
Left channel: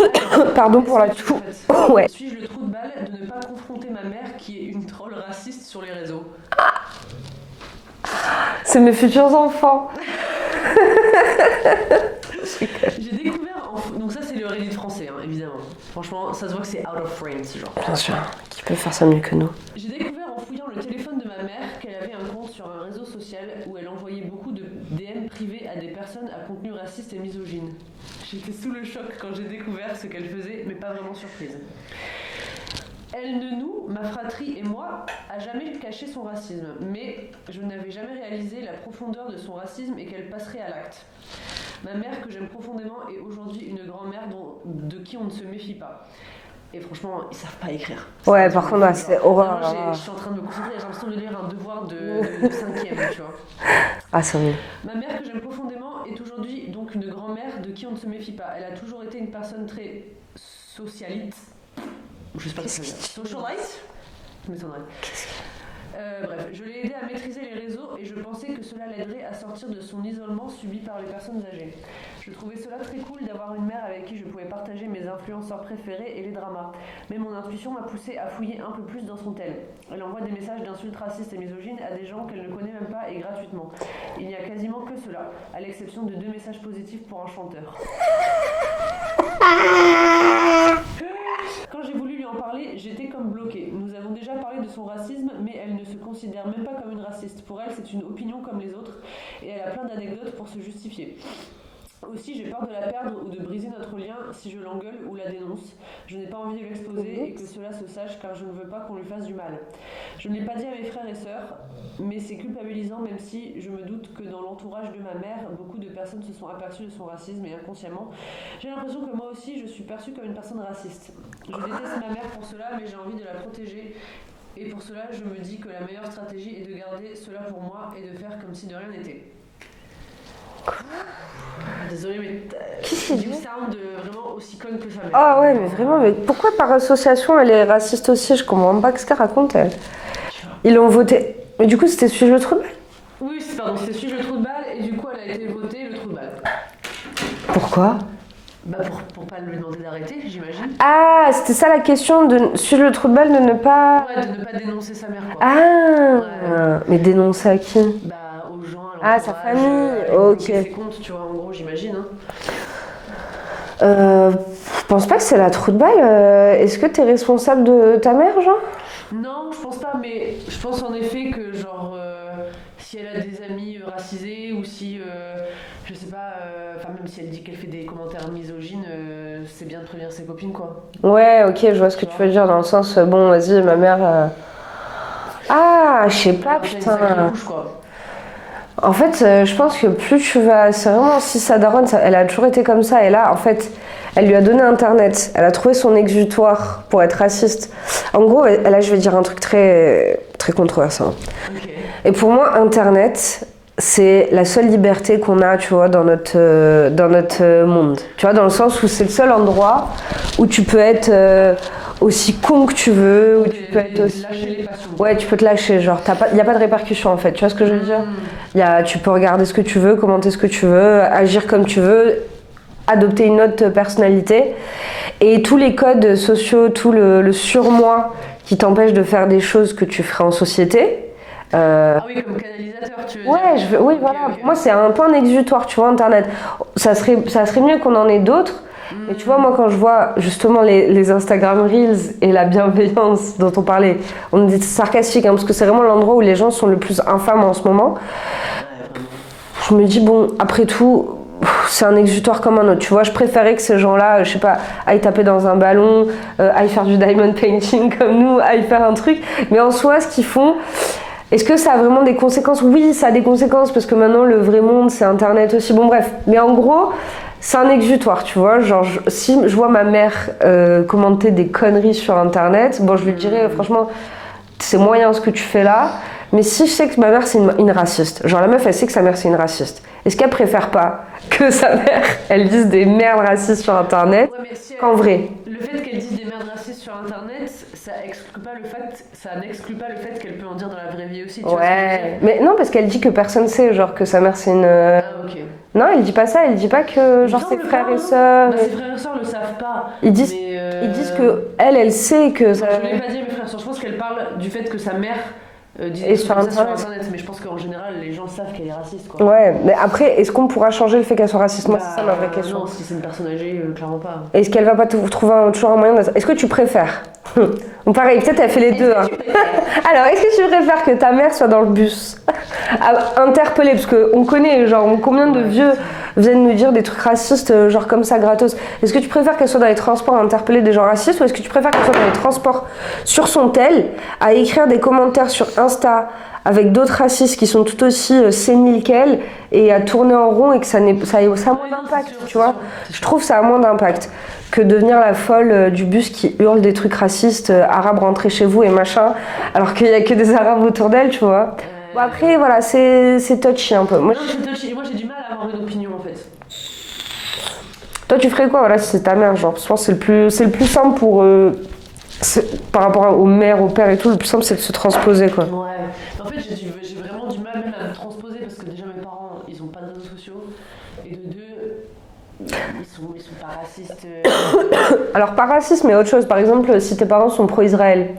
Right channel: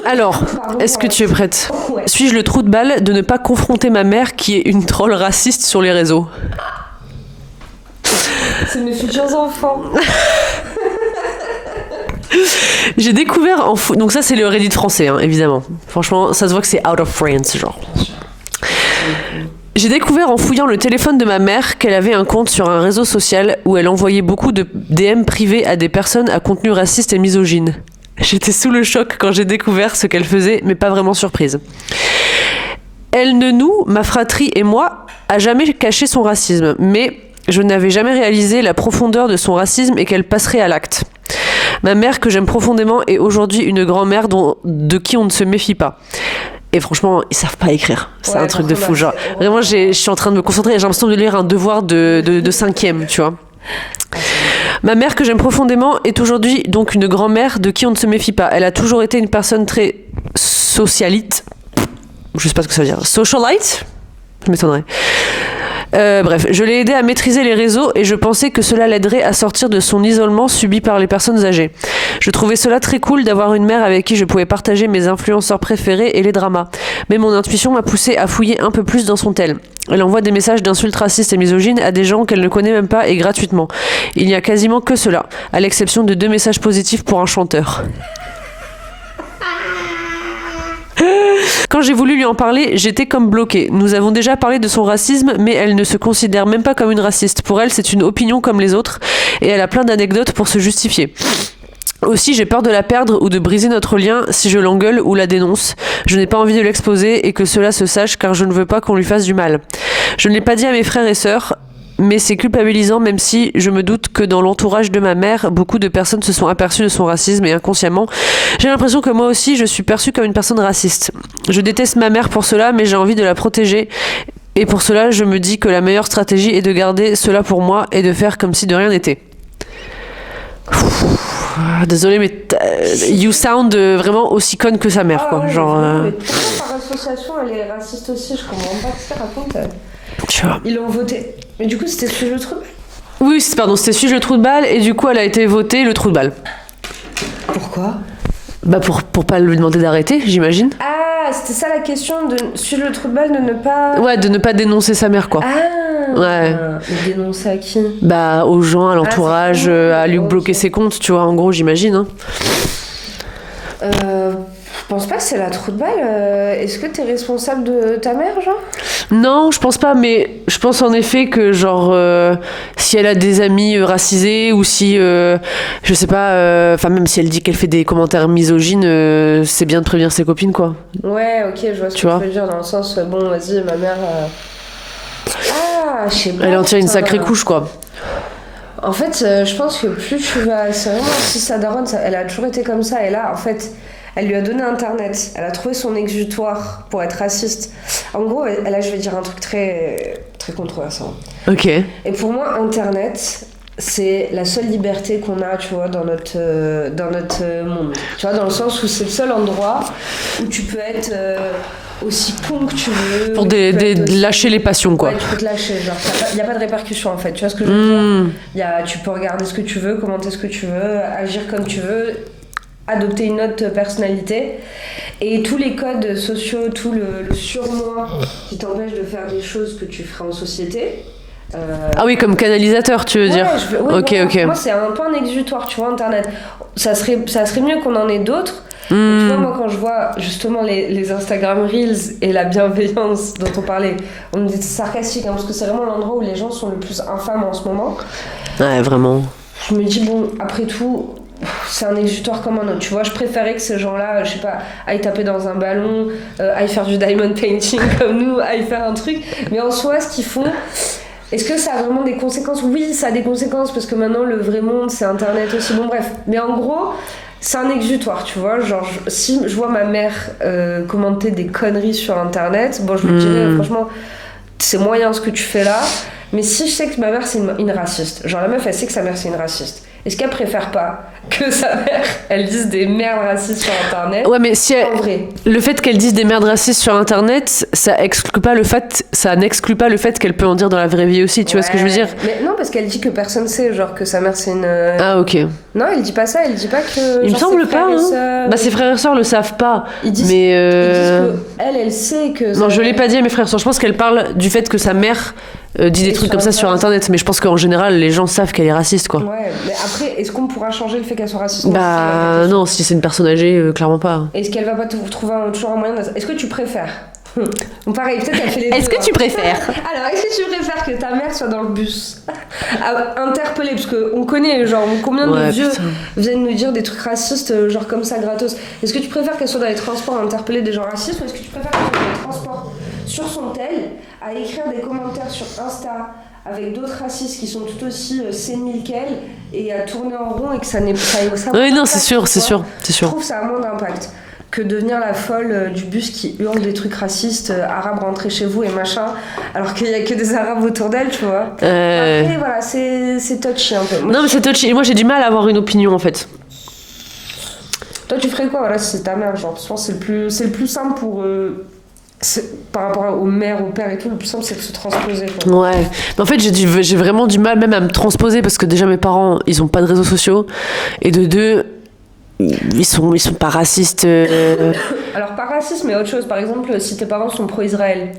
Alors, Pardon est-ce que tu es prête ? Ouais. Suis-je le trou de balle de ne pas confronter ma mère qui est une troll raciste sur les réseaux ? C'est mes futurs enfants. J'ai découvert donc ça, c'est le Reddit français, hein, évidemment. Franchement, ça se voit que c'est out of France, genre. Bien sûr. J'ai découvert en fouillant le téléphone de ma mère qu'elle avait un compte sur un réseau social où elle envoyait beaucoup de DM privés à des personnes à contenu raciste et misogyne. J'étais sous le choc quand j'ai découvert ce qu'elle faisait, mais pas vraiment surprise. Elle ne nous, ma fratrie et moi, a jamais caché son racisme, mais je n'avais jamais réalisé la profondeur de son racisme et qu'elle passerait à l'acte. Ma mère, que j'aime profondément, est aujourd'hui une grand-mère de qui on ne se méfie pas. Et franchement, ils savent pas écrire. C'est un truc de fou. Genre, vraiment, je suis en train de me concentrer. J'ai l'impression de lire un devoir de 5e, tu vois. Ah, c'est vrai. Ma mère, que j'aime profondément, est aujourd'hui donc une grand-mère de qui on ne se méfie pas. Elle a toujours été une personne très socialite. Je sais pas ce que ça veut dire. Socialite ? Je m'étonnerais. Bref, je l'ai aidé à maîtriser les réseaux et je pensais que cela l'aiderait à sortir de son isolement subi par les personnes âgées. Je trouvais cela très cool d'avoir une mère avec qui je pouvais partager mes influenceurs préférés et les dramas. Mais mon intuition m'a poussé à fouiller un peu plus dans son tel. Elle envoie des messages d'insultes racistes et misogynes à des gens qu'elle ne connaît même pas et gratuitement. Il n'y a quasiment que cela, à l'exception de 2 messages positifs pour un chanteur. Quand j'ai voulu lui en parler, j'étais comme bloquée. Nous avons déjà parlé de son racisme, mais elle ne se considère même pas comme une raciste. Pour elle, c'est une opinion comme les autres, et elle a plein d'anecdotes pour se justifier. Aussi, j'ai peur de la perdre ou de briser notre lien si je l'engueule ou la dénonce. Je n'ai pas envie de l'exposer et que cela se sache car je ne veux pas qu'on lui fasse du mal. Je ne l'ai pas dit à mes frères et sœurs, mais c'est culpabilisant même si je me doute que dans l'entourage de ma mère, beaucoup de personnes se sont aperçues de son racisme et inconsciemment, j'ai l'impression que moi aussi je suis perçue comme une personne raciste. Je déteste ma mère pour cela, mais j'ai envie de la protéger. Et pour cela, je me dis que la meilleure stratégie est de garder cela pour moi et de faire comme si de rien n'était. Désolée, mais you sound vraiment aussi conne que sa mère, quoi. Ouais, genre, mais pourquoi par association elle est raciste aussi? Je comprends pas ce qu'elle raconte. tu vois. Ils l'ont voté. Mais du coup, c'était Suis-je le trou de balle? Oui, c'était Suis-je le trou de balle et du coup, elle a été votée le trou de balle. Pourquoi? Bah pour pas lui demander d'arrêter, j'imagine. Ah, c'était ça la question de Suis-je le trou de balle de ne pas. Ouais, de ne pas dénoncer sa mère, quoi. Ah Ouais. Mais dénoncer à qui? Bah aux gens, à l'entourage, c'est ça. à lui Ok. bloquer ses comptes, tu vois, en gros, j'imagine. Hein. Je pense pas que c'est la trou de balle. Est-ce que t'es responsable de ta mère, genre? Non, je pense pas, mais je pense en effet que, genre, si elle a des amis racisés ou si, je sais pas, enfin, même si elle dit qu'elle fait des commentaires misogynes, c'est bien de prévenir ses copines, quoi. Ouais, ok, je vois ce que tu veux dire, dans le sens, bon, vas-y, ma mère. Ah, je sais pas. Elle en tire une putain. sacrée couche, quoi. En fait, je pense que plus tu vas. C'est vraiment si sa daronne, elle a toujours été comme ça. Et là, en fait, elle lui a donné Internet. Elle a trouvé son exutoire pour être raciste. En gros, là, je vais dire un truc très, très controversé. Ok. Et pour moi, Internet, c'est la seule liberté qu'on a, tu vois, dans notre monde. Tu vois, dans le sens où c'est le seul endroit où tu peux être aussi con que tu veux. Pour aussi... lâcher les passions, quoi. Ouais, tu peux te lâcher, genre, il n'y a pas de répercussions, en fait. Tu vois ce que je veux dire? Tu peux regarder ce que tu veux, commenter ce que tu veux, agir comme tu veux. adopter une autre personnalité. Et tous les codes sociaux, tout le surmoi qui t'empêche de faire des choses que tu ferais en société. Ah oui, comme canalisateur, tu veux dire. Ok. Moi, c'est un peu un exutoire, tu vois, Internet. Ça serait mieux qu'on en ait d'autres. Et tu vois, moi, quand je vois justement les Instagram Reels et la bienveillance dont on parlait, on me dit sarcastique, hein, parce que c'est vraiment l'endroit où les gens sont le plus infâmes en ce moment. Ouais, vraiment. Je me dis, bon, après tout, c'est un exutoire comme un autre, tu vois. Je préférais que ces gens-là, je sais pas, aillent taper dans un ballon, aillent faire du diamond painting comme nous, aillent faire un truc. Mais en soi, ce qu'ils font, est-ce que ça a vraiment des conséquences ? Oui, ça a des conséquences, parce que maintenant, le vrai monde, c'est Internet aussi. Bon, bref. Mais en gros, c'est un exutoire, tu vois. Genre, si je vois ma mère commenter des conneries sur Internet, bon, je lui dirais, franchement, c'est moyen ce que tu fais là. Mais si je sais que ma mère, c'est une raciste, genre la meuf, elle sait que sa mère, c'est une raciste, est-ce qu'elle préfère pas que sa mère, elle dise des merdes racistes sur Internet ? Ouais, mais si en vrai. Le fait qu'elle dise des merdes racistes sur Internet, ça n'exclut pas le fait qu'elle peut en dire dans la vraie vie aussi, tu vois ce que je veux dire ? Mais non, parce qu'elle dit que personne sait, genre que sa mère, c'est une... Ah, ok. Non, elle dit pas ça, elle dit pas que... Il me semble ses pas, frères et sœurs... Bah, ses frères et sœurs le savent pas. Ils disent mais que elle sait que... Non, je l'ai pas dit à mes frères et sœurs. Je pense qu'elle parle du fait que sa mère dit des trucs comme ça sur Internet. Mais je pense qu'en général, les gens savent qu'elle est raciste, quoi. Ouais, mais après, est-ce qu'on pourra changer le fait qu'elle soit raciste ? Bah, non, si c'est une personne âgée, clairement pas. Est-ce qu'elle va pas trouver toujours un moyen de... Est-ce que tu préfères Bon, pareil, peut-être elle fait les deux. Est-ce que tu préfères Alors, est-ce que tu préfères que ta mère soit dans le bus interpellée, parce qu'on connaît, genre, combien de vieux viennent nous dire des trucs racistes, genre comme ça, gratos. Est-ce que tu préfères qu'elle soit dans les transports à interpeller des gens racistes, ou est-ce que tu préfères qu'elle soit dans les transports sur son tel, à écrire des commentaires sur Insta avec d'autres racistes qui sont tout aussi séniles qu'elle, et à tourner en rond, et que ça ait Oui, non, c'est sûr. Je trouve ça a moins d'impact que devenir la folle du bus qui hurle des trucs racistes, arabes rentrez chez vous et machin, alors qu'il y a que des arabes autour d'elle, tu vois. Après, voilà, c'est touchy un peu. Non, mais c'est touchy. Moi, j'ai du mal à avoir une opinion, en fait. Toi, tu ferais quoi, voilà, si c'est ta mère, genre, je pense que c'est le plus simple pour... par rapport aux mères, aux pères et tout, le plus simple, c'est de se transposer, quoi. Ouais. Mais en fait, j'ai vraiment du mal même à me transposer, parce que déjà, mes parents, ils ont pas de réseaux sociaux, et de deux... Ils sont pas racistes. Alors, pas racistes, mais autre chose. Par exemple, si tes parents sont pro-Israël.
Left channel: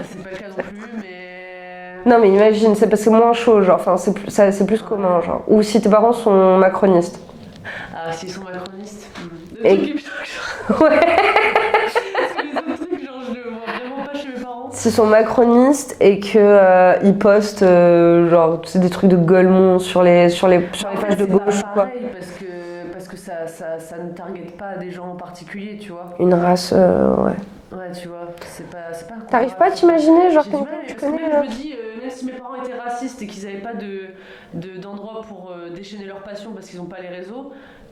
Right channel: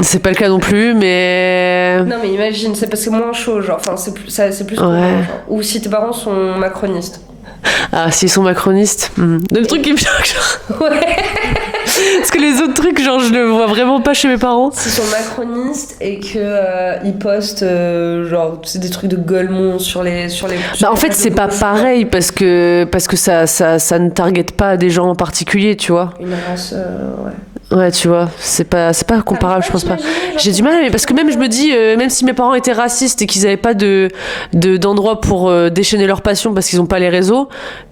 C'est pas le cas non plus, mais... Non, mais imagine, c'est moins chaud, genre. Enfin, c'est plus commun, genre. Ou si tes parents sont macronistes. Ah, s'ils sont macronistes. Le truc qui me choque, genre... Ouais. Parce que les autres trucs, genre, je le vois vraiment pas chez mes parents. S'ils sont macronistes et que ils postent, genre, c'est des trucs de Golemont sur les Bah, en fait, c'est pas pareil, parce que ça ne target pas des gens en particulier, tu vois. Une race, ouais. Ouais, tu vois, c'est pas comparable, je pense pas. J'ai du mal, mais parce que même je me dis, même si mes parents étaient racistes et qu'ils avaient pas d'endroit pour déchaîner leur passion parce qu'ils ont pas les réseaux,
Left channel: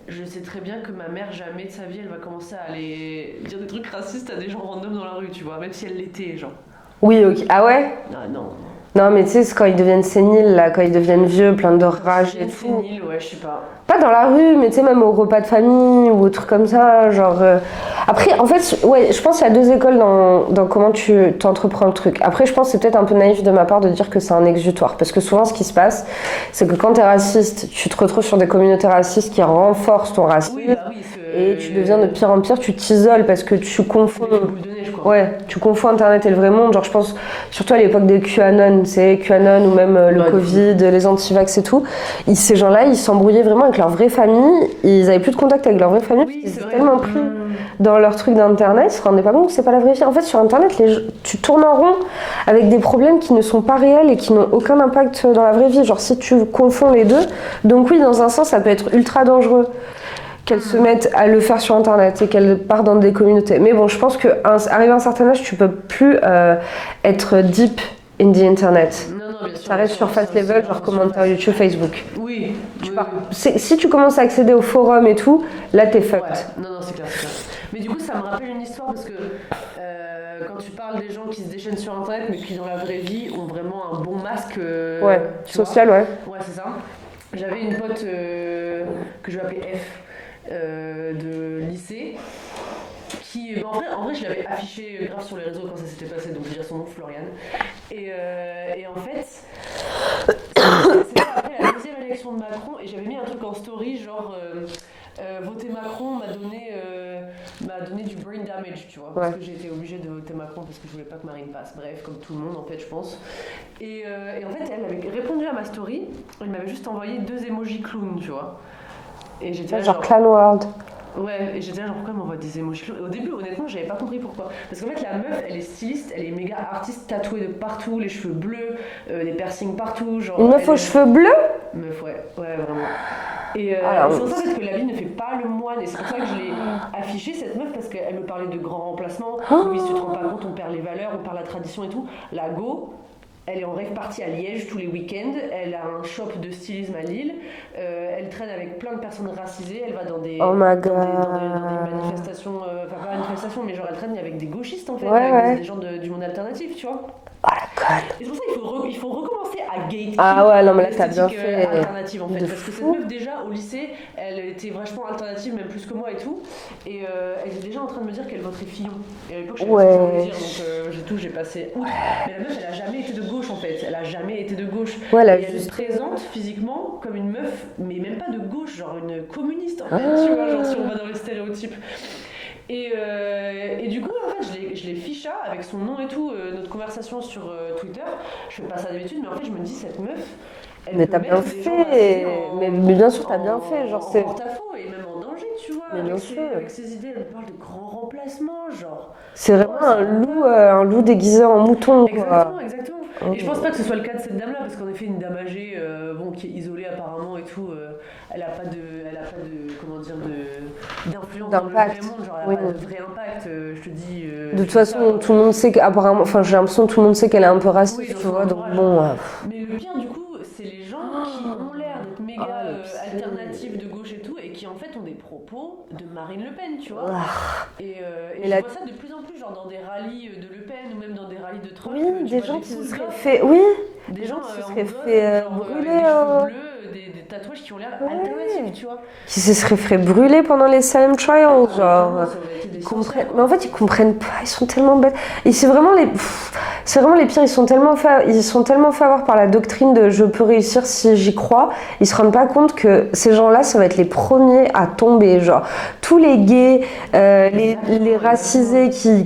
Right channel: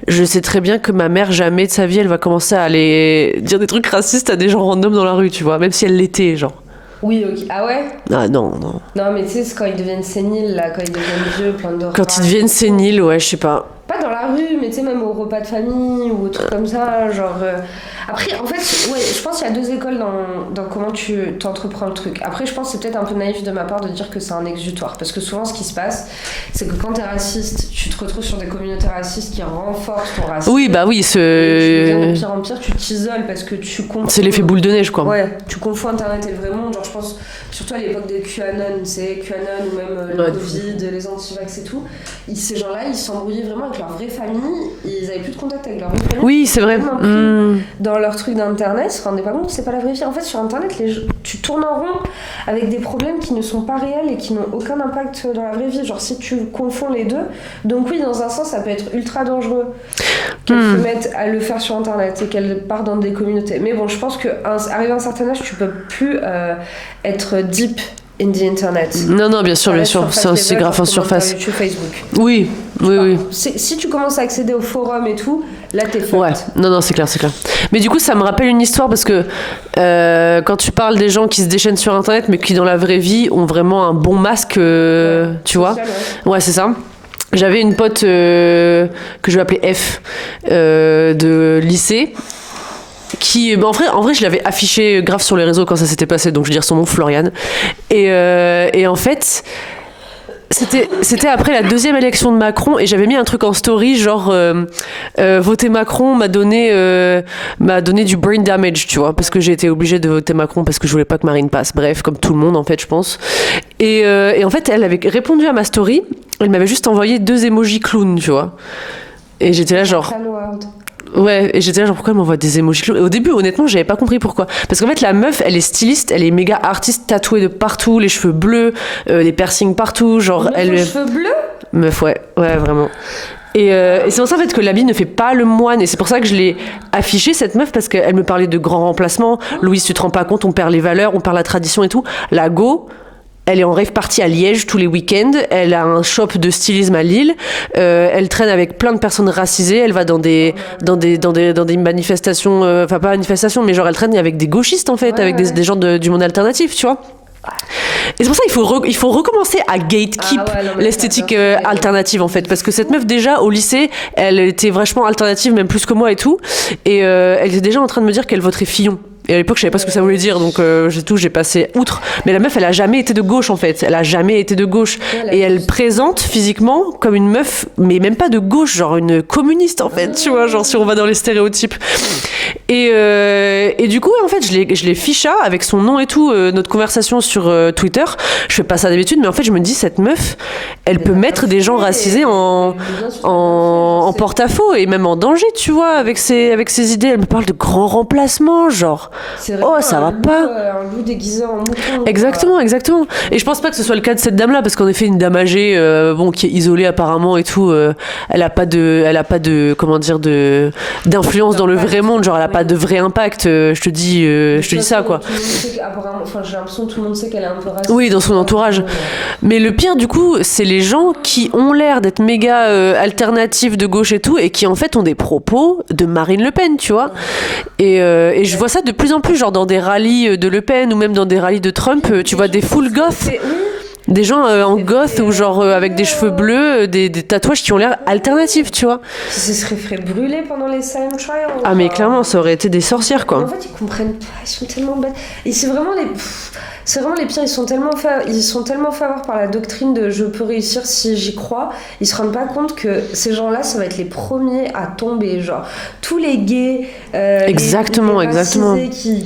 je sais très bien que ma mère, jamais de sa vie, elle va commencer à aller dire des trucs racistes à des gens random dans la rue, tu vois, même si elle l'était, genre. Oui, ok. Ah ouais ? Ah non. Non, mais tu sais, c'est quand ils deviennent séniles, là, quand ils deviennent vieux, plein de Quand ils deviennent séniles, ouais, je sais pas. Pas dans la rue, mais tu sais, même au repas de famille ou au truc comme ça, genre... Après, en fait, ouais, je pense qu'il y a deux écoles dans comment tu t'entreprends le truc. Après, je pense que c'est peut-être un peu naïf de ma part de dire que c'est un exutoire, parce que souvent, ce qui se passe, c'est que quand t'es raciste, tu te retrouves sur des communautés racistes qui renforcent ton racisme. Oui, bah oui, et tu deviens de pire en pire, tu t'isoles parce que tu confonds... C'est l'effet boule de neige, quoi. Ouais, tu confonds Internet et le vrai monde. Genre, je pense, surtout à l'époque des QAnon, tu sais, QAnon ou même le Covid, les antivax et tout, ces gens-là, ils s'embrouillaient vraiment avec leur vraie famille, ils avaient plus de contact avec leur vraie famille. Oui, c'est vrai. Tellement pris dans leur truc d'internet, ils se rendaient pas compte que c'est pas la vraie vie. En fait, sur internet, tu tournes en rond avec des problèmes qui ne sont pas réels et qui n'ont aucun impact dans la vraie vie. Genre, si tu confonds les deux, donc oui, dans un sens, ça peut être ultra dangereux qu'elles se mettent à le faire sur internet et qu'elles partent dans des communautés. Mais bon, je pense qu'arrivé à un certain âge, tu peux plus être deep in the internet. Non, bien sûr. C'est aussi grave en surface. YouTube, Facebook. Oui. Si tu commences à accéder aux forums et tout, là t'es fucked. Ouais, non, c'est clair. Mais du coup, ça me rappelle une histoire parce que quand tu parles des gens qui se déchaînent sur internet, mais qui dans la vraie vie ont vraiment un bon masque, tu social, vois. Ouais, c'est ça. J'avais une pote que je vais appeler F de lycée. Qui, en vrai, je l'avais affiché grave sur les réseaux quand ça s'était passé, donc je veux dire son nom, Floriane. Et en fait, C'était après la deuxième élection de Macron et j'avais mis un truc en story genre voter Macron m'a donné du brain damage, tu vois, parce que j'ai été obligée de voter Macron parce que je voulais pas que Marine passe. Bref, comme tout le monde en fait, je pense. Et en fait, elle avait répondu à ma story. Elle m'avait juste envoyé 2 emojis clown, tu vois. Et j'étais là genre. Ouais, et j'étais là genre pourquoi elle m'envoie des emojis clown. Et au début, honnêtement, j'avais pas compris pourquoi. Parce qu'en fait, la meuf, elle est styliste, elle est méga artiste, tatouée de partout, les cheveux bleus, les piercings partout, genre. Les cheveux bleus. Meuf, ouais, vraiment. Et c'est pour ça en fait que l'habit ne fait pas le moine et c'est pour ça que je l'ai affichée cette meuf parce qu'elle me parlait de grands remplacements. Louise, tu te rends pas compte, on perd les valeurs, on perd la tradition et tout. La go, elle est en rave party à Liège tous les week-ends. Elle a un shop de stylisme à Lille. Elle traîne avec plein de personnes racisées. Elle va dans des manifestations, enfin pas manifestations, mais genre elle traîne avec des gauchistes en fait, avec des gens du monde alternatif, tu vois. Et c'est pour ça qu'il faut recommencer à gatekeep l'esthétique alternative en fait, parce que cette meuf déjà au lycée elle était vachement alternative, même plus que moi et tout, et elle était déjà en train de me dire qu'elle voterait Fillon. Et à l'époque, je savais pas ce que ça voulait dire, donc j'ai passé outre. Mais la meuf, elle a jamais été de gauche, en fait. Elle a jamais été de gauche. Et elle présente physiquement comme une meuf, mais même pas de gauche, genre une communiste, en fait, tu vois, genre si on va dans les stéréotypes. Et du coup, en fait, je l'ai ficha avec son nom et tout, notre conversation sur Twitter. Je fais pas ça d'habitude, mais en fait, je me dis, cette meuf, elle peut mettre des gens racisés en porte-à-faux et même en danger, tu vois, avec ses idées. Elle me parle de grands remplacements, genre. C'est vrai, ça va pas. Un loup déguisé en mouton. Exactement. Et je pense pas que ce soit le cas de cette dame-là, parce qu'en effet, une dame âgée, qui est isolée apparemment et tout, elle a pas d'influence dans le vrai monde, genre elle a pas de vrai impact. Je te dis ça quoi. Tout le monde sait qu'apparemment, j'ai l'impression que tout le monde sait qu'elle est un peu raciste. Oui, dans son entourage. Mais le pire du coup, c'est les gens qui ont l'air d'être méga alternatifs de gauche et tout, et qui en fait ont des propos de Marine Le Pen, tu vois. Et je vois ça de plus en plus, genre dans des rallyes de Le Pen ou même dans des rallyes de Trump, tu vois des full goth. Des gens en goth ou genre avec des cheveux bleus, des tatouages qui ont l'air alternatifs, tu vois. Qui se seraient fait brûler pendant les Salem Trials. Ah mais clairement, ça aurait été des sorcières quoi. Mais en fait, ils comprennent pas, ils sont tellement bêtes. Et c'est vraiment les pires, ils sont tellement fait avoir par la doctrine de je peux réussir si j'y crois. Ils se rendent pas compte que ces gens-là, ça va être les premiers à tomber. Genre, tous les gays, exactement. qui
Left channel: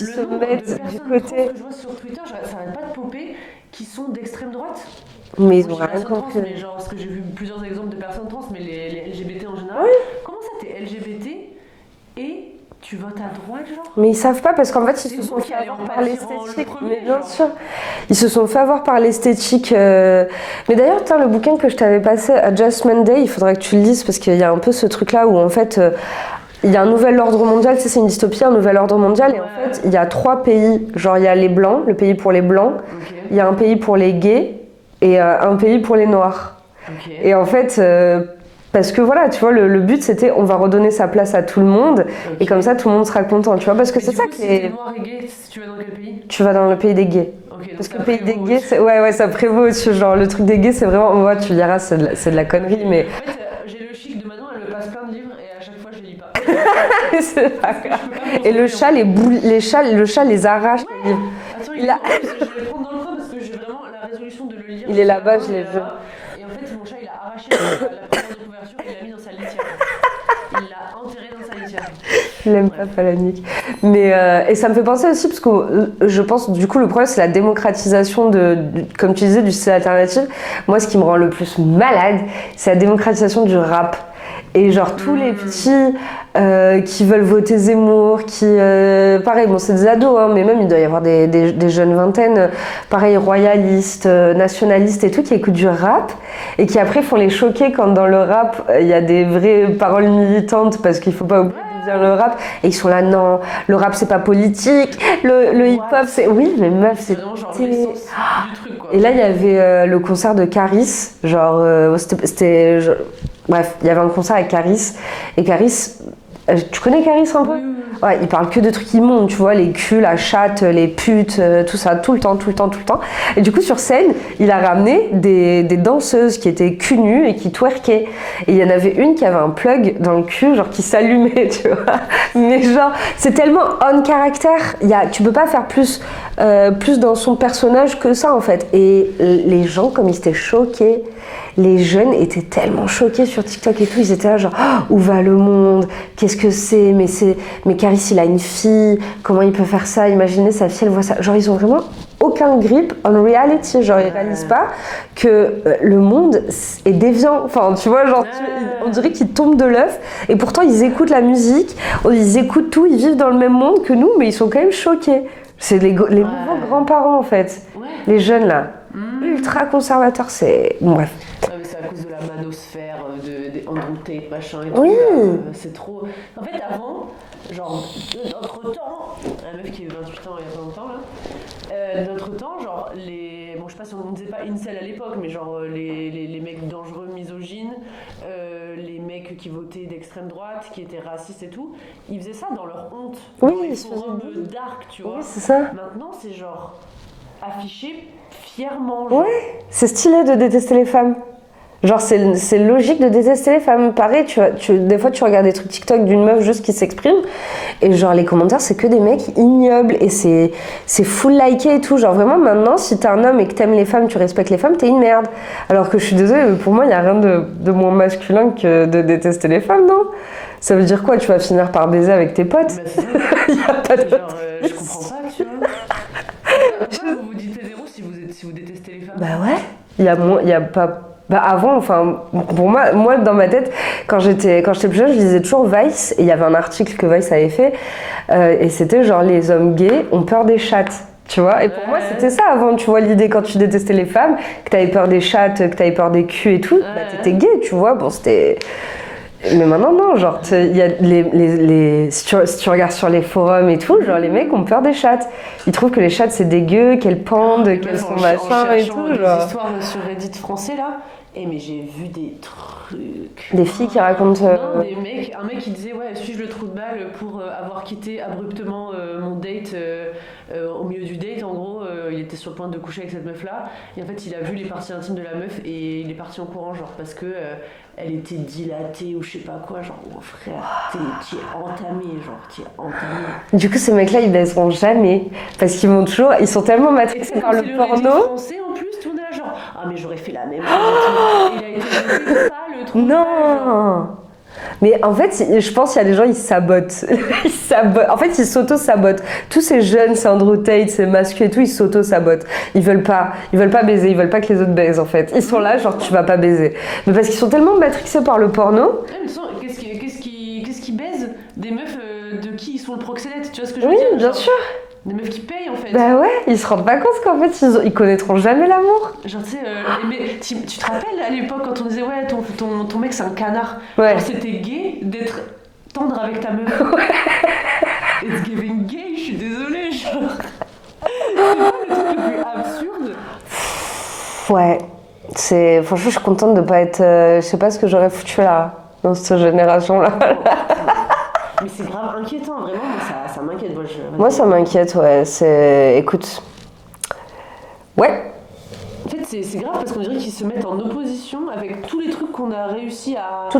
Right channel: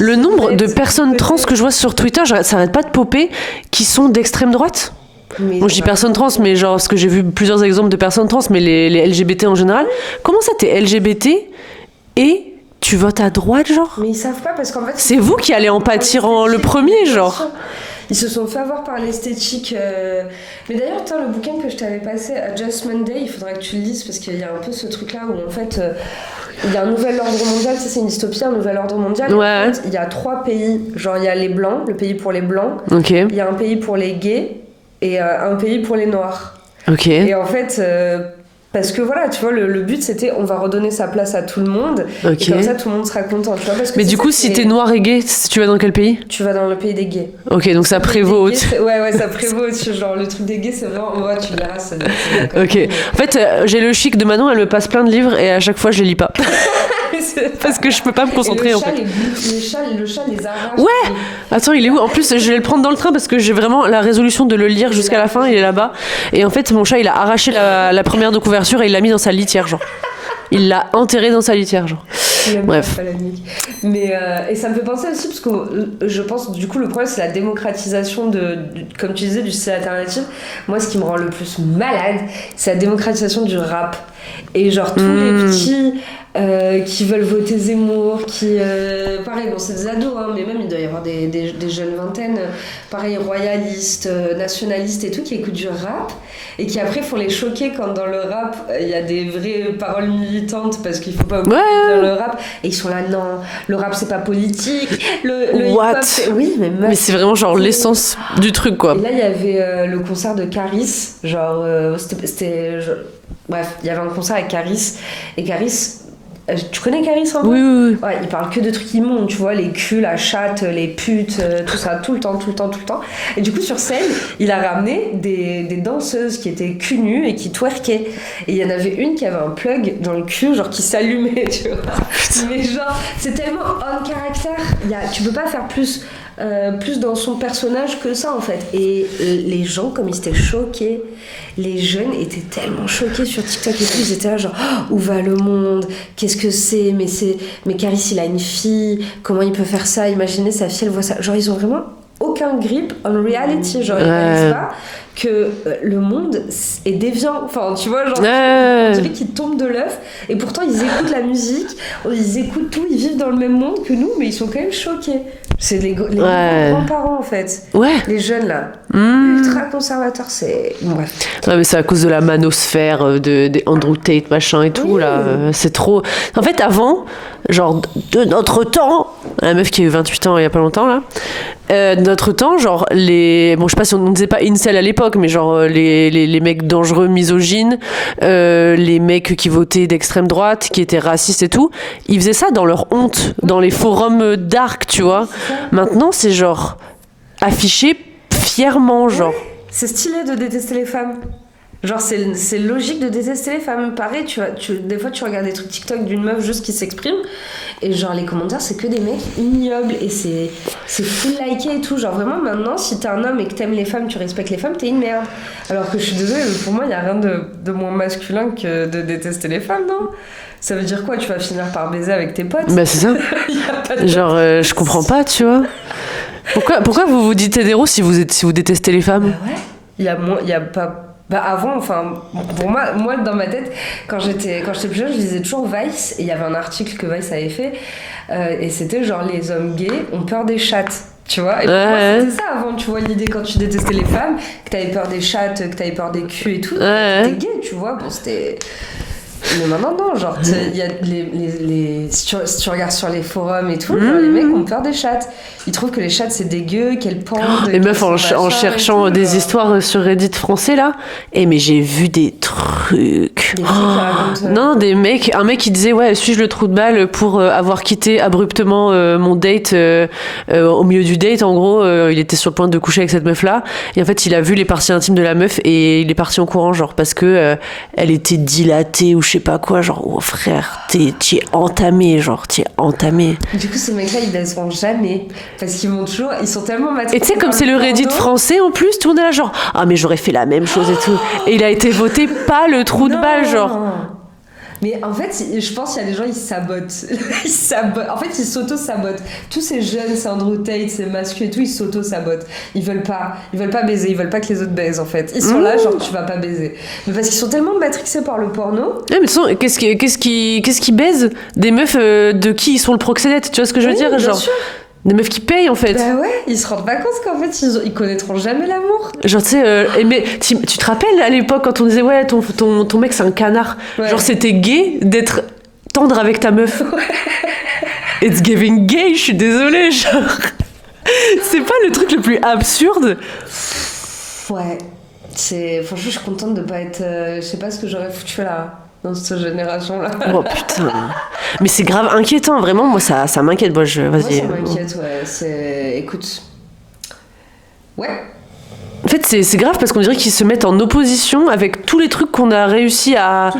le nombre de personnes trans que je vois sur Twitter, ça arrête pas de popper, qui sont d'extrême droite. Bon, je dis personnes trans, mais genre, parce que j'ai vu plusieurs exemples de personnes trans, mais les LGBT en général. Comment ça, t'es LGBT et tu votes à droite, genre? Mais ils savent pas parce qu'en fait... C'est vous qui allez en pâtir le premier, genre. Ils se sont fait avoir par l'esthétique. Mais d'ailleurs, le bouquin que je t'avais passé, Adjustment Day, il faudrait que tu le lises parce qu'il y a un peu ce truc-là où en fait... il y a un nouvel ordre mondial, c'est une dystopie, un nouvel ordre mondial. Ouais. Et en fait, il y a 3 pays. Genre, il y a les blancs, le pays pour les blancs. Ok. Il y a un pays pour les gays et un pays pour les noirs. Ok. Et en fait... parce que voilà, tu vois, le but c'était on va redonner sa place à tout le monde et comme ça tout le monde sera content, tu vois. Parce que mais du coup, si t'es noir et gay, tu vas dans quel pays? Tu vas dans le pays des gays. Ok, donc ça prévaut au-dessus. Ouais, ça prévaut au-dessus. Genre, le truc des gays, c'est vraiment, moi, tu verras, c'est de la connerie. Ok. Mais... En fait, j'ai le chic de Manon, elle me passe plein de livres et à chaque fois, je les lis pas. Parce que je peux pas me concentrer. Et le chat les arrache. Ouais. Attends, il est où? En plus, je vais le prendre dans le train parce que j'ai vraiment la résolution de le lire jusqu'à la fin. Il est là-bas. Et en fait, mon chat, il a arraché la première de couverture et il l'a mis dans sa litière, genre. Il l'a enterré dans sa litière, genre. Bref. Mais et ça me fait penser aussi parce que je pense du coup le problème c'est la démocratisation comme tu disais du style alternatif. Moi, ce qui me rend le plus malade, c'est la démocratisation du rap. Et genre tous les petits qui veulent voter Zemmour, pareil, bon c'est des ados, hein, mais même il doit y avoir des jeunes vingtaines, pareil, royalistes, nationalistes et tout, qui écoutent du rap et qui après font les choquer quand dans le rap il y a des vraies paroles militantes parce qu'il faut pas oublier le rap, et ils sont là, non, le rap c'est pas politique, le hip-hop c'est... Oui, mais c'est vraiment genre l'essence du truc quoi. Et là il y avait le concert de Caris, genre c'était bref, il y avait un concert avec Caris, et Caris, tu connais Caris un peu? Oui. Ouais, il parle que de trucs immondes, tu vois, les culs, la chatte, les putes, tout ça, tout le temps. Et du coup, sur scène, il a ramené des danseuses qui étaient cul nus et qui twerkaient. Et il y en avait une qui avait un plug dans le cul, genre qui s'allumait, tu vois. Mais genre, c'est tellement on caractère, tu peux pas faire plus plus dans son personnage que ça en fait. Et les gens, comme ils étaient choqués, les jeunes étaient tellement choqués sur TikTok et tout, ils étaient là genre où va le monde, qu'est-ce que c'est, mais Caris il a une fille, comment il peut faire ça, imaginez sa fille elle voit ça, genre ils ont vraiment aucun grip on reality, genre ils réalisent pas que le monde est déviant, enfin tu vois genre on dirait qu'ils tombent de l'œuf et pourtant ils écoutent la musique, ils écoutent tout, ils vivent dans le même monde que nous mais ils sont quand même choqués. C'est les grands-parents en fait, les jeunes là, ultra conservateurs, c'est bref. Ouais, mais c'est à cause de la manosphère des Andrew Tate machin et tout là, c'est trop. En fait avant, genre de notre temps, la meuf qui a eu 28 ans il y a pas longtemps là, de notre temps genre bon je sais pas si on ne disait pas incel à l'époque mais genre les mecs dangereux misogynes, les mecs qui votaient d'extrême droite, qui étaient racistes et tout, ils faisaient ça dans leur honte, dans les forums dark, tu vois. Maintenant c'est genre affiché fièrement, genre. C'est stylé de détester les femmes. Genre, c'est logique de détester les femmes. Pareil, des fois, tu regardes des trucs TikTok d'une meuf juste qui s'exprime, et genre, les commentaires, c'est que des mecs ignobles, et c'est full liké et tout. Genre, vraiment, maintenant, si t'es un homme et que t'aimes les femmes, tu respectes les femmes, t'es une merde. Alors que je suis désolée, pour moi, il y a rien de moins masculin que de détester les femmes, non ? Ça veut dire quoi ? Tu vas finir par baiser avec tes potes ? Bah, c'est ça. Y a pas de genre, je comprends pas, tu vois. Pourquoi vous vous dites hétéro si vous détestez les femmes ? Bah ouais. Il y a pas... Bah avant, enfin, pour moi dans ma tête, quand j'étais plus jeune, je lisais toujours Vice, et il y avait un article que Vice avait fait, et c'était genre les hommes gays ont peur des chattes, tu vois. Et pour moi, c'était ça avant, tu vois, l'idée quand tu détestais les femmes, que t'avais peur des chattes, que t'avais peur des culs et tout, t'étais gay, tu vois. Bon, c'était... Mais maintenant, non, genre, il y a si tu regardes sur les forums et tout, genre, les mecs ont peur des chattes. Ils trouvent que les chattes, c'est dégueu, qu'elles pendent. Les meufs, en cherchant des genre. histoires sur Reddit français, là, mais j'ai vu des trucs. Des filles qui racontent... Non, un mec qui disait, ouais, suis-je le trou de balle pour avoir quitté abruptement mon date au milieu du date, en gros, il était sur le point de coucher avec cette meuf-là, et en fait, il a vu les parties intimes de la meuf, et il est parti en courant, genre, parce que elle était dilatée, ou je sais pas quoi, genre, oh frère, t'y es entamé, genre, t'y es entamé. Du coup, ces mecs-là, ils baiseront jamais, parce qu'ils vont toujours, ils sont tellement matrixés. Et tu sais, comme c'est le Reddit français en plus, tout le monde est là, genre, ah, mais j'aurais fait la même chose et tout. Et il a été voté pas le trou de balle, genre. Mais en fait, je pense qu'il y a des gens, ils sabotent. En fait, ils s'auto-sabotent. Tous ces jeunes, c'est Andrew Tate, c'est masculin et tout, ils s'auto-sabotent. Ils veulent pas baiser, ils veulent pas que les autres baisent, en fait. Ils sont là, genre, tu vas pas baiser. Mais parce qu'ils sont tellement matrixés par le porno. Ouais, mais de toute façon, qu'est-ce qui baise des meufs de qui ils sont le proxénète, tu vois ce que je veux dire, bien genre. Sûr. Des meufs qui payent en fait. Bah ouais, ils se rendent pas compte qu'en fait ils connaîtront jamais l'amour. Genre tu sais, mais tu te rappelles à l'époque quand on disait ouais ton mec c'est un canard. Ouais. Genre c'était gay d'être tendre avec ta meuf. It's giving gay, je suis désolée, genre. C'est pas le truc le plus absurde. Ouais, franchement je suis contente de pas être, je sais pas ce que j'aurais foutu là. Dans cette génération-là. Oh putain. Mais c'est grave inquiétant, vraiment. Moi, ça m'inquiète. Moi, ça m'inquiète, ouais. Écoute. Ouais. En fait, c'est grave parce qu'on dirait qu'ils se mettent en opposition avec tous les trucs qu'on a réussi à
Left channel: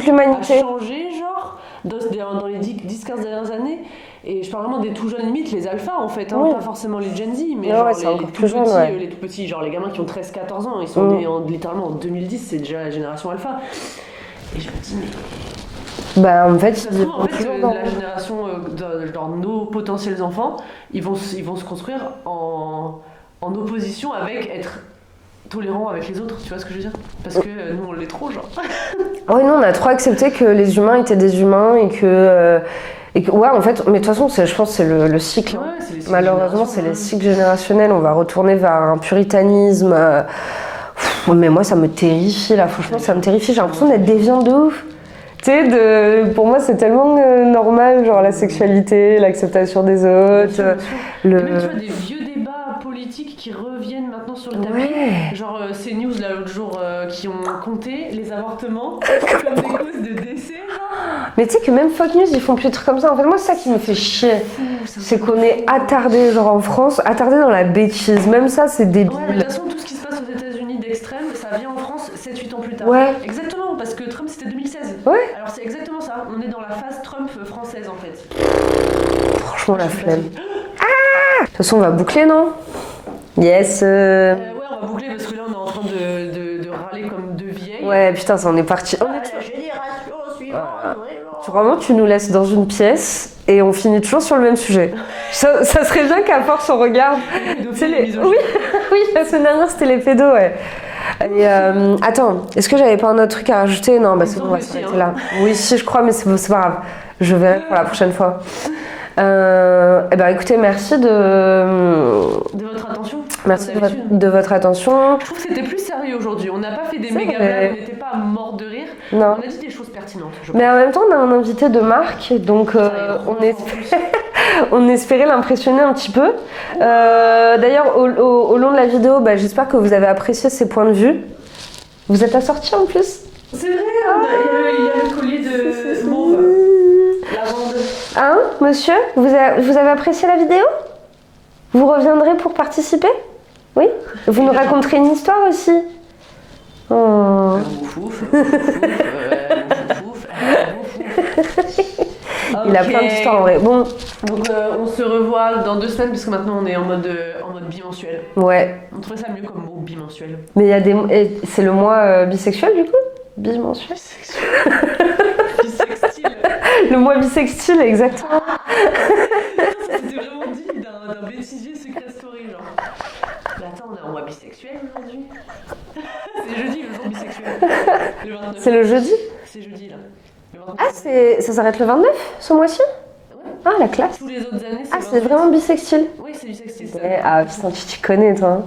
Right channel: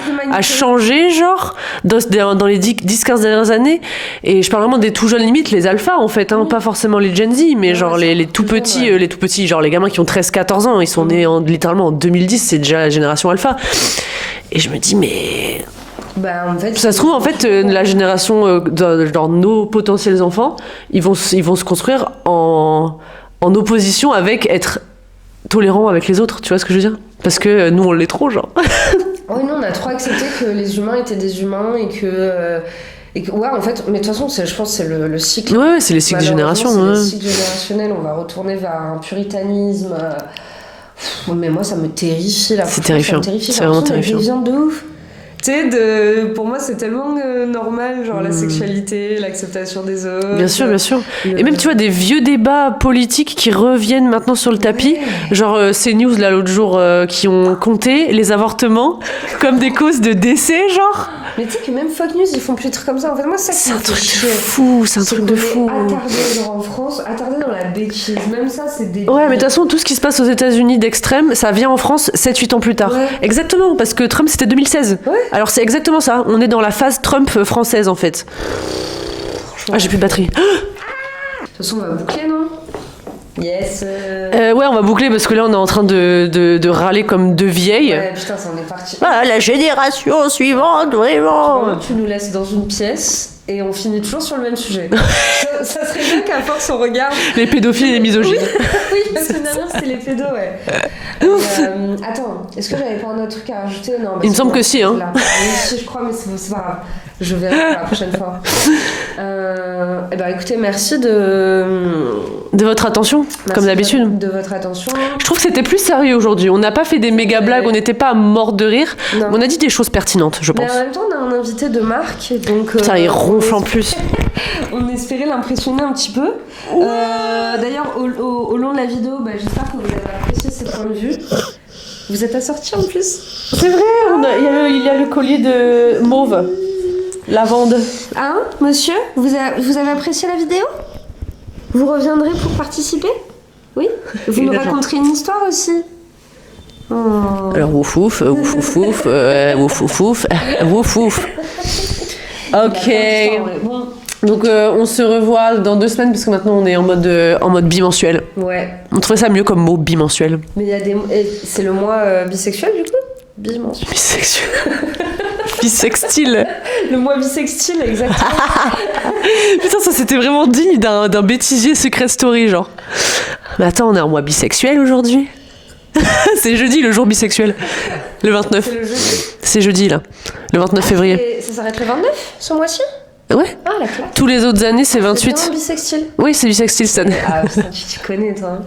changer, genre, dans les 10-15 dernières années. Et je parle vraiment des tout jeunes limites, les alphas, en fait. Pas forcément les Gen Z, mais genre les tout petits, les tout petits, genre les gamins qui ont 13-14 ans. Ils sont nés littéralement en 2010, c'est déjà la génération alpha. Et je me dis, mais... Bah, en fait, ça se trouve, en fait, la génération, genre nos potentiels enfants, ils vont se construire en opposition avec être tolérants avec les autres, tu vois ce que je veux dire ? Parce que nous, on l'est trop, genre. Oui, nous, on a trop accepté que les humains étaient des humains et que ouais, en fait, mais de toute façon, je pense que c'est le cycle. Ouais, c'est les cycles de génération. C'est les cycles générationnels, on va retourner vers un puritanisme... Mais moi, ça me terrifie, là. C'est terrifiant. Ça me terrifie. J'ai l'impression d'être déviante de ouf. Tu sais, pour moi, c'est tellement normal, genre la sexualité, l'acceptation des autres. Bien sûr, bien sûr. Et même, tu vois, des vieux débats politiques qui reviennent maintenant sur le tapis. Genre, CNews, là, l'autre jour, qui ont compté les avortements comme des causes de décès, genre. Mais tu sais que même Fox News, ils font plus de trucs comme ça. En fait, moi, c'est ça qui me fait chier. C'est un truc de fou. Attardé, genre en France, attardé dans la bêtise. Même ça, c'est débile. Ouais, mais de toute façon, tout ce qui se passe aux États-Unis d'extrême, ça vient en France 7-8 ans plus tard. Ouais. Exactement, parce que Trump, c'était 2016. Ouais. Alors, c'est exactement ça. On est dans la phase Trump française, en fait. Franchement, j'ai plus de batterie. De toute façon, on va boucler, non ? Yes. Ouais, on va boucler parce que là, on est en train de râler comme deux vieilles. Ouais, putain, ça en est parti. Ah, la génération suivante, vraiment. Vraiment, tu nous laisses dans une pièce et on finit toujours sur le même sujet. ça serait bien qu'à force on regarde. Les pédophiles et les misogynes. Oui, la semaine dernière c'était les pédos, ouais. Et, attends, est-ce que j'avais pas un autre truc à rajouter? Non, Il me semble que si, hein. Oui, si, je crois, mais c'est pas grave. Je verrai pour la prochaine fois. Eh ben, écoutez, merci de votre attention, comme d'habitude. De votre attention. Je trouve que c'était plus sérieux aujourd'hui. On n'a pas fait des méga blagues, on n'était pas mort de rire. Non. On a dit des choses pertinentes, je pense. Mais en même temps, on a un invité de marque, donc. Putain, il ronfle en plus. On espérait l'impressionner un petit peu. D'ailleurs, au long de la vidéo, j'espère que vous avez apprécié ses points de vue. Vous êtes assortis en plus. C'est vrai, il y a le collier de mauve. Lavande. Hein, monsieur, vous avez apprécié la vidéo? Vous reviendrez pour participer? Oui. Vous nous raconterez une histoire aussi? Oh. Alors, ouf ouf, ouf ouf ouf, ouf ouf ouf, ouf ouf. Il a plein d'histoires, ouais. Bon. Donc on se revoit dans 2 semaines parce que maintenant on est en mode bimensuel. Ouais. On trouvait ça mieux comme mot bimensuel. Mais il y a des... C'est le mois bisexuel du coup? Bimensuel. Bisexuel. Bisextile. Le mois bisextile, exactement. Putain, ça c'était vraiment digne d'un bêtisier Secret Story, genre. Mais attends, on est en mois bisexuel aujourd'hui? C'est jeudi, le jour bisexuel. Le 29. C'est le jeudi? C'est jeudi, là. Le 29 février. Ça s'arrête le 29, ce mois-ci? Ouais. Ah, la classe. Tous les autres années, c'est 28. C'est vraiment bisextile? Oui, c'est bisextile cette année. Ah, putain, tu connais, toi.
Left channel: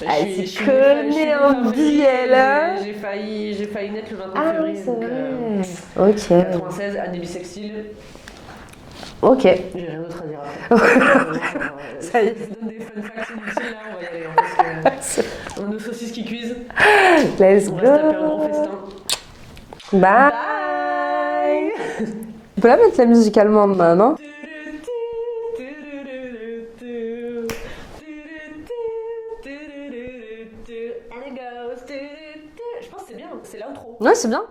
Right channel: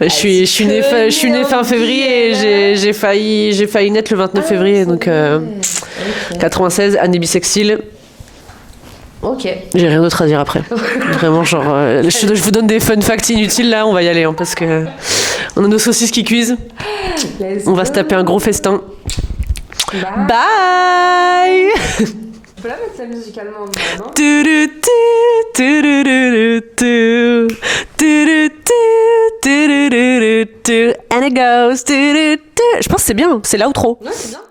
Je suis née fin février et j'ai failli naître le 29 février, donc okay. 96, année bisextile. Ok. J'ai rien d'autre à dire après. Vraiment, genre, je vous donne des fun facts inutiles là, on va y aller, hein, parce que on a nos saucisses qui cuisent. On va se taper un gros festin. Bye. Bye. Tu peux la mettre la musique allemande, non? And it goes. Je pense que c'est bien, c'est l'outro. Ouais, c'est bien.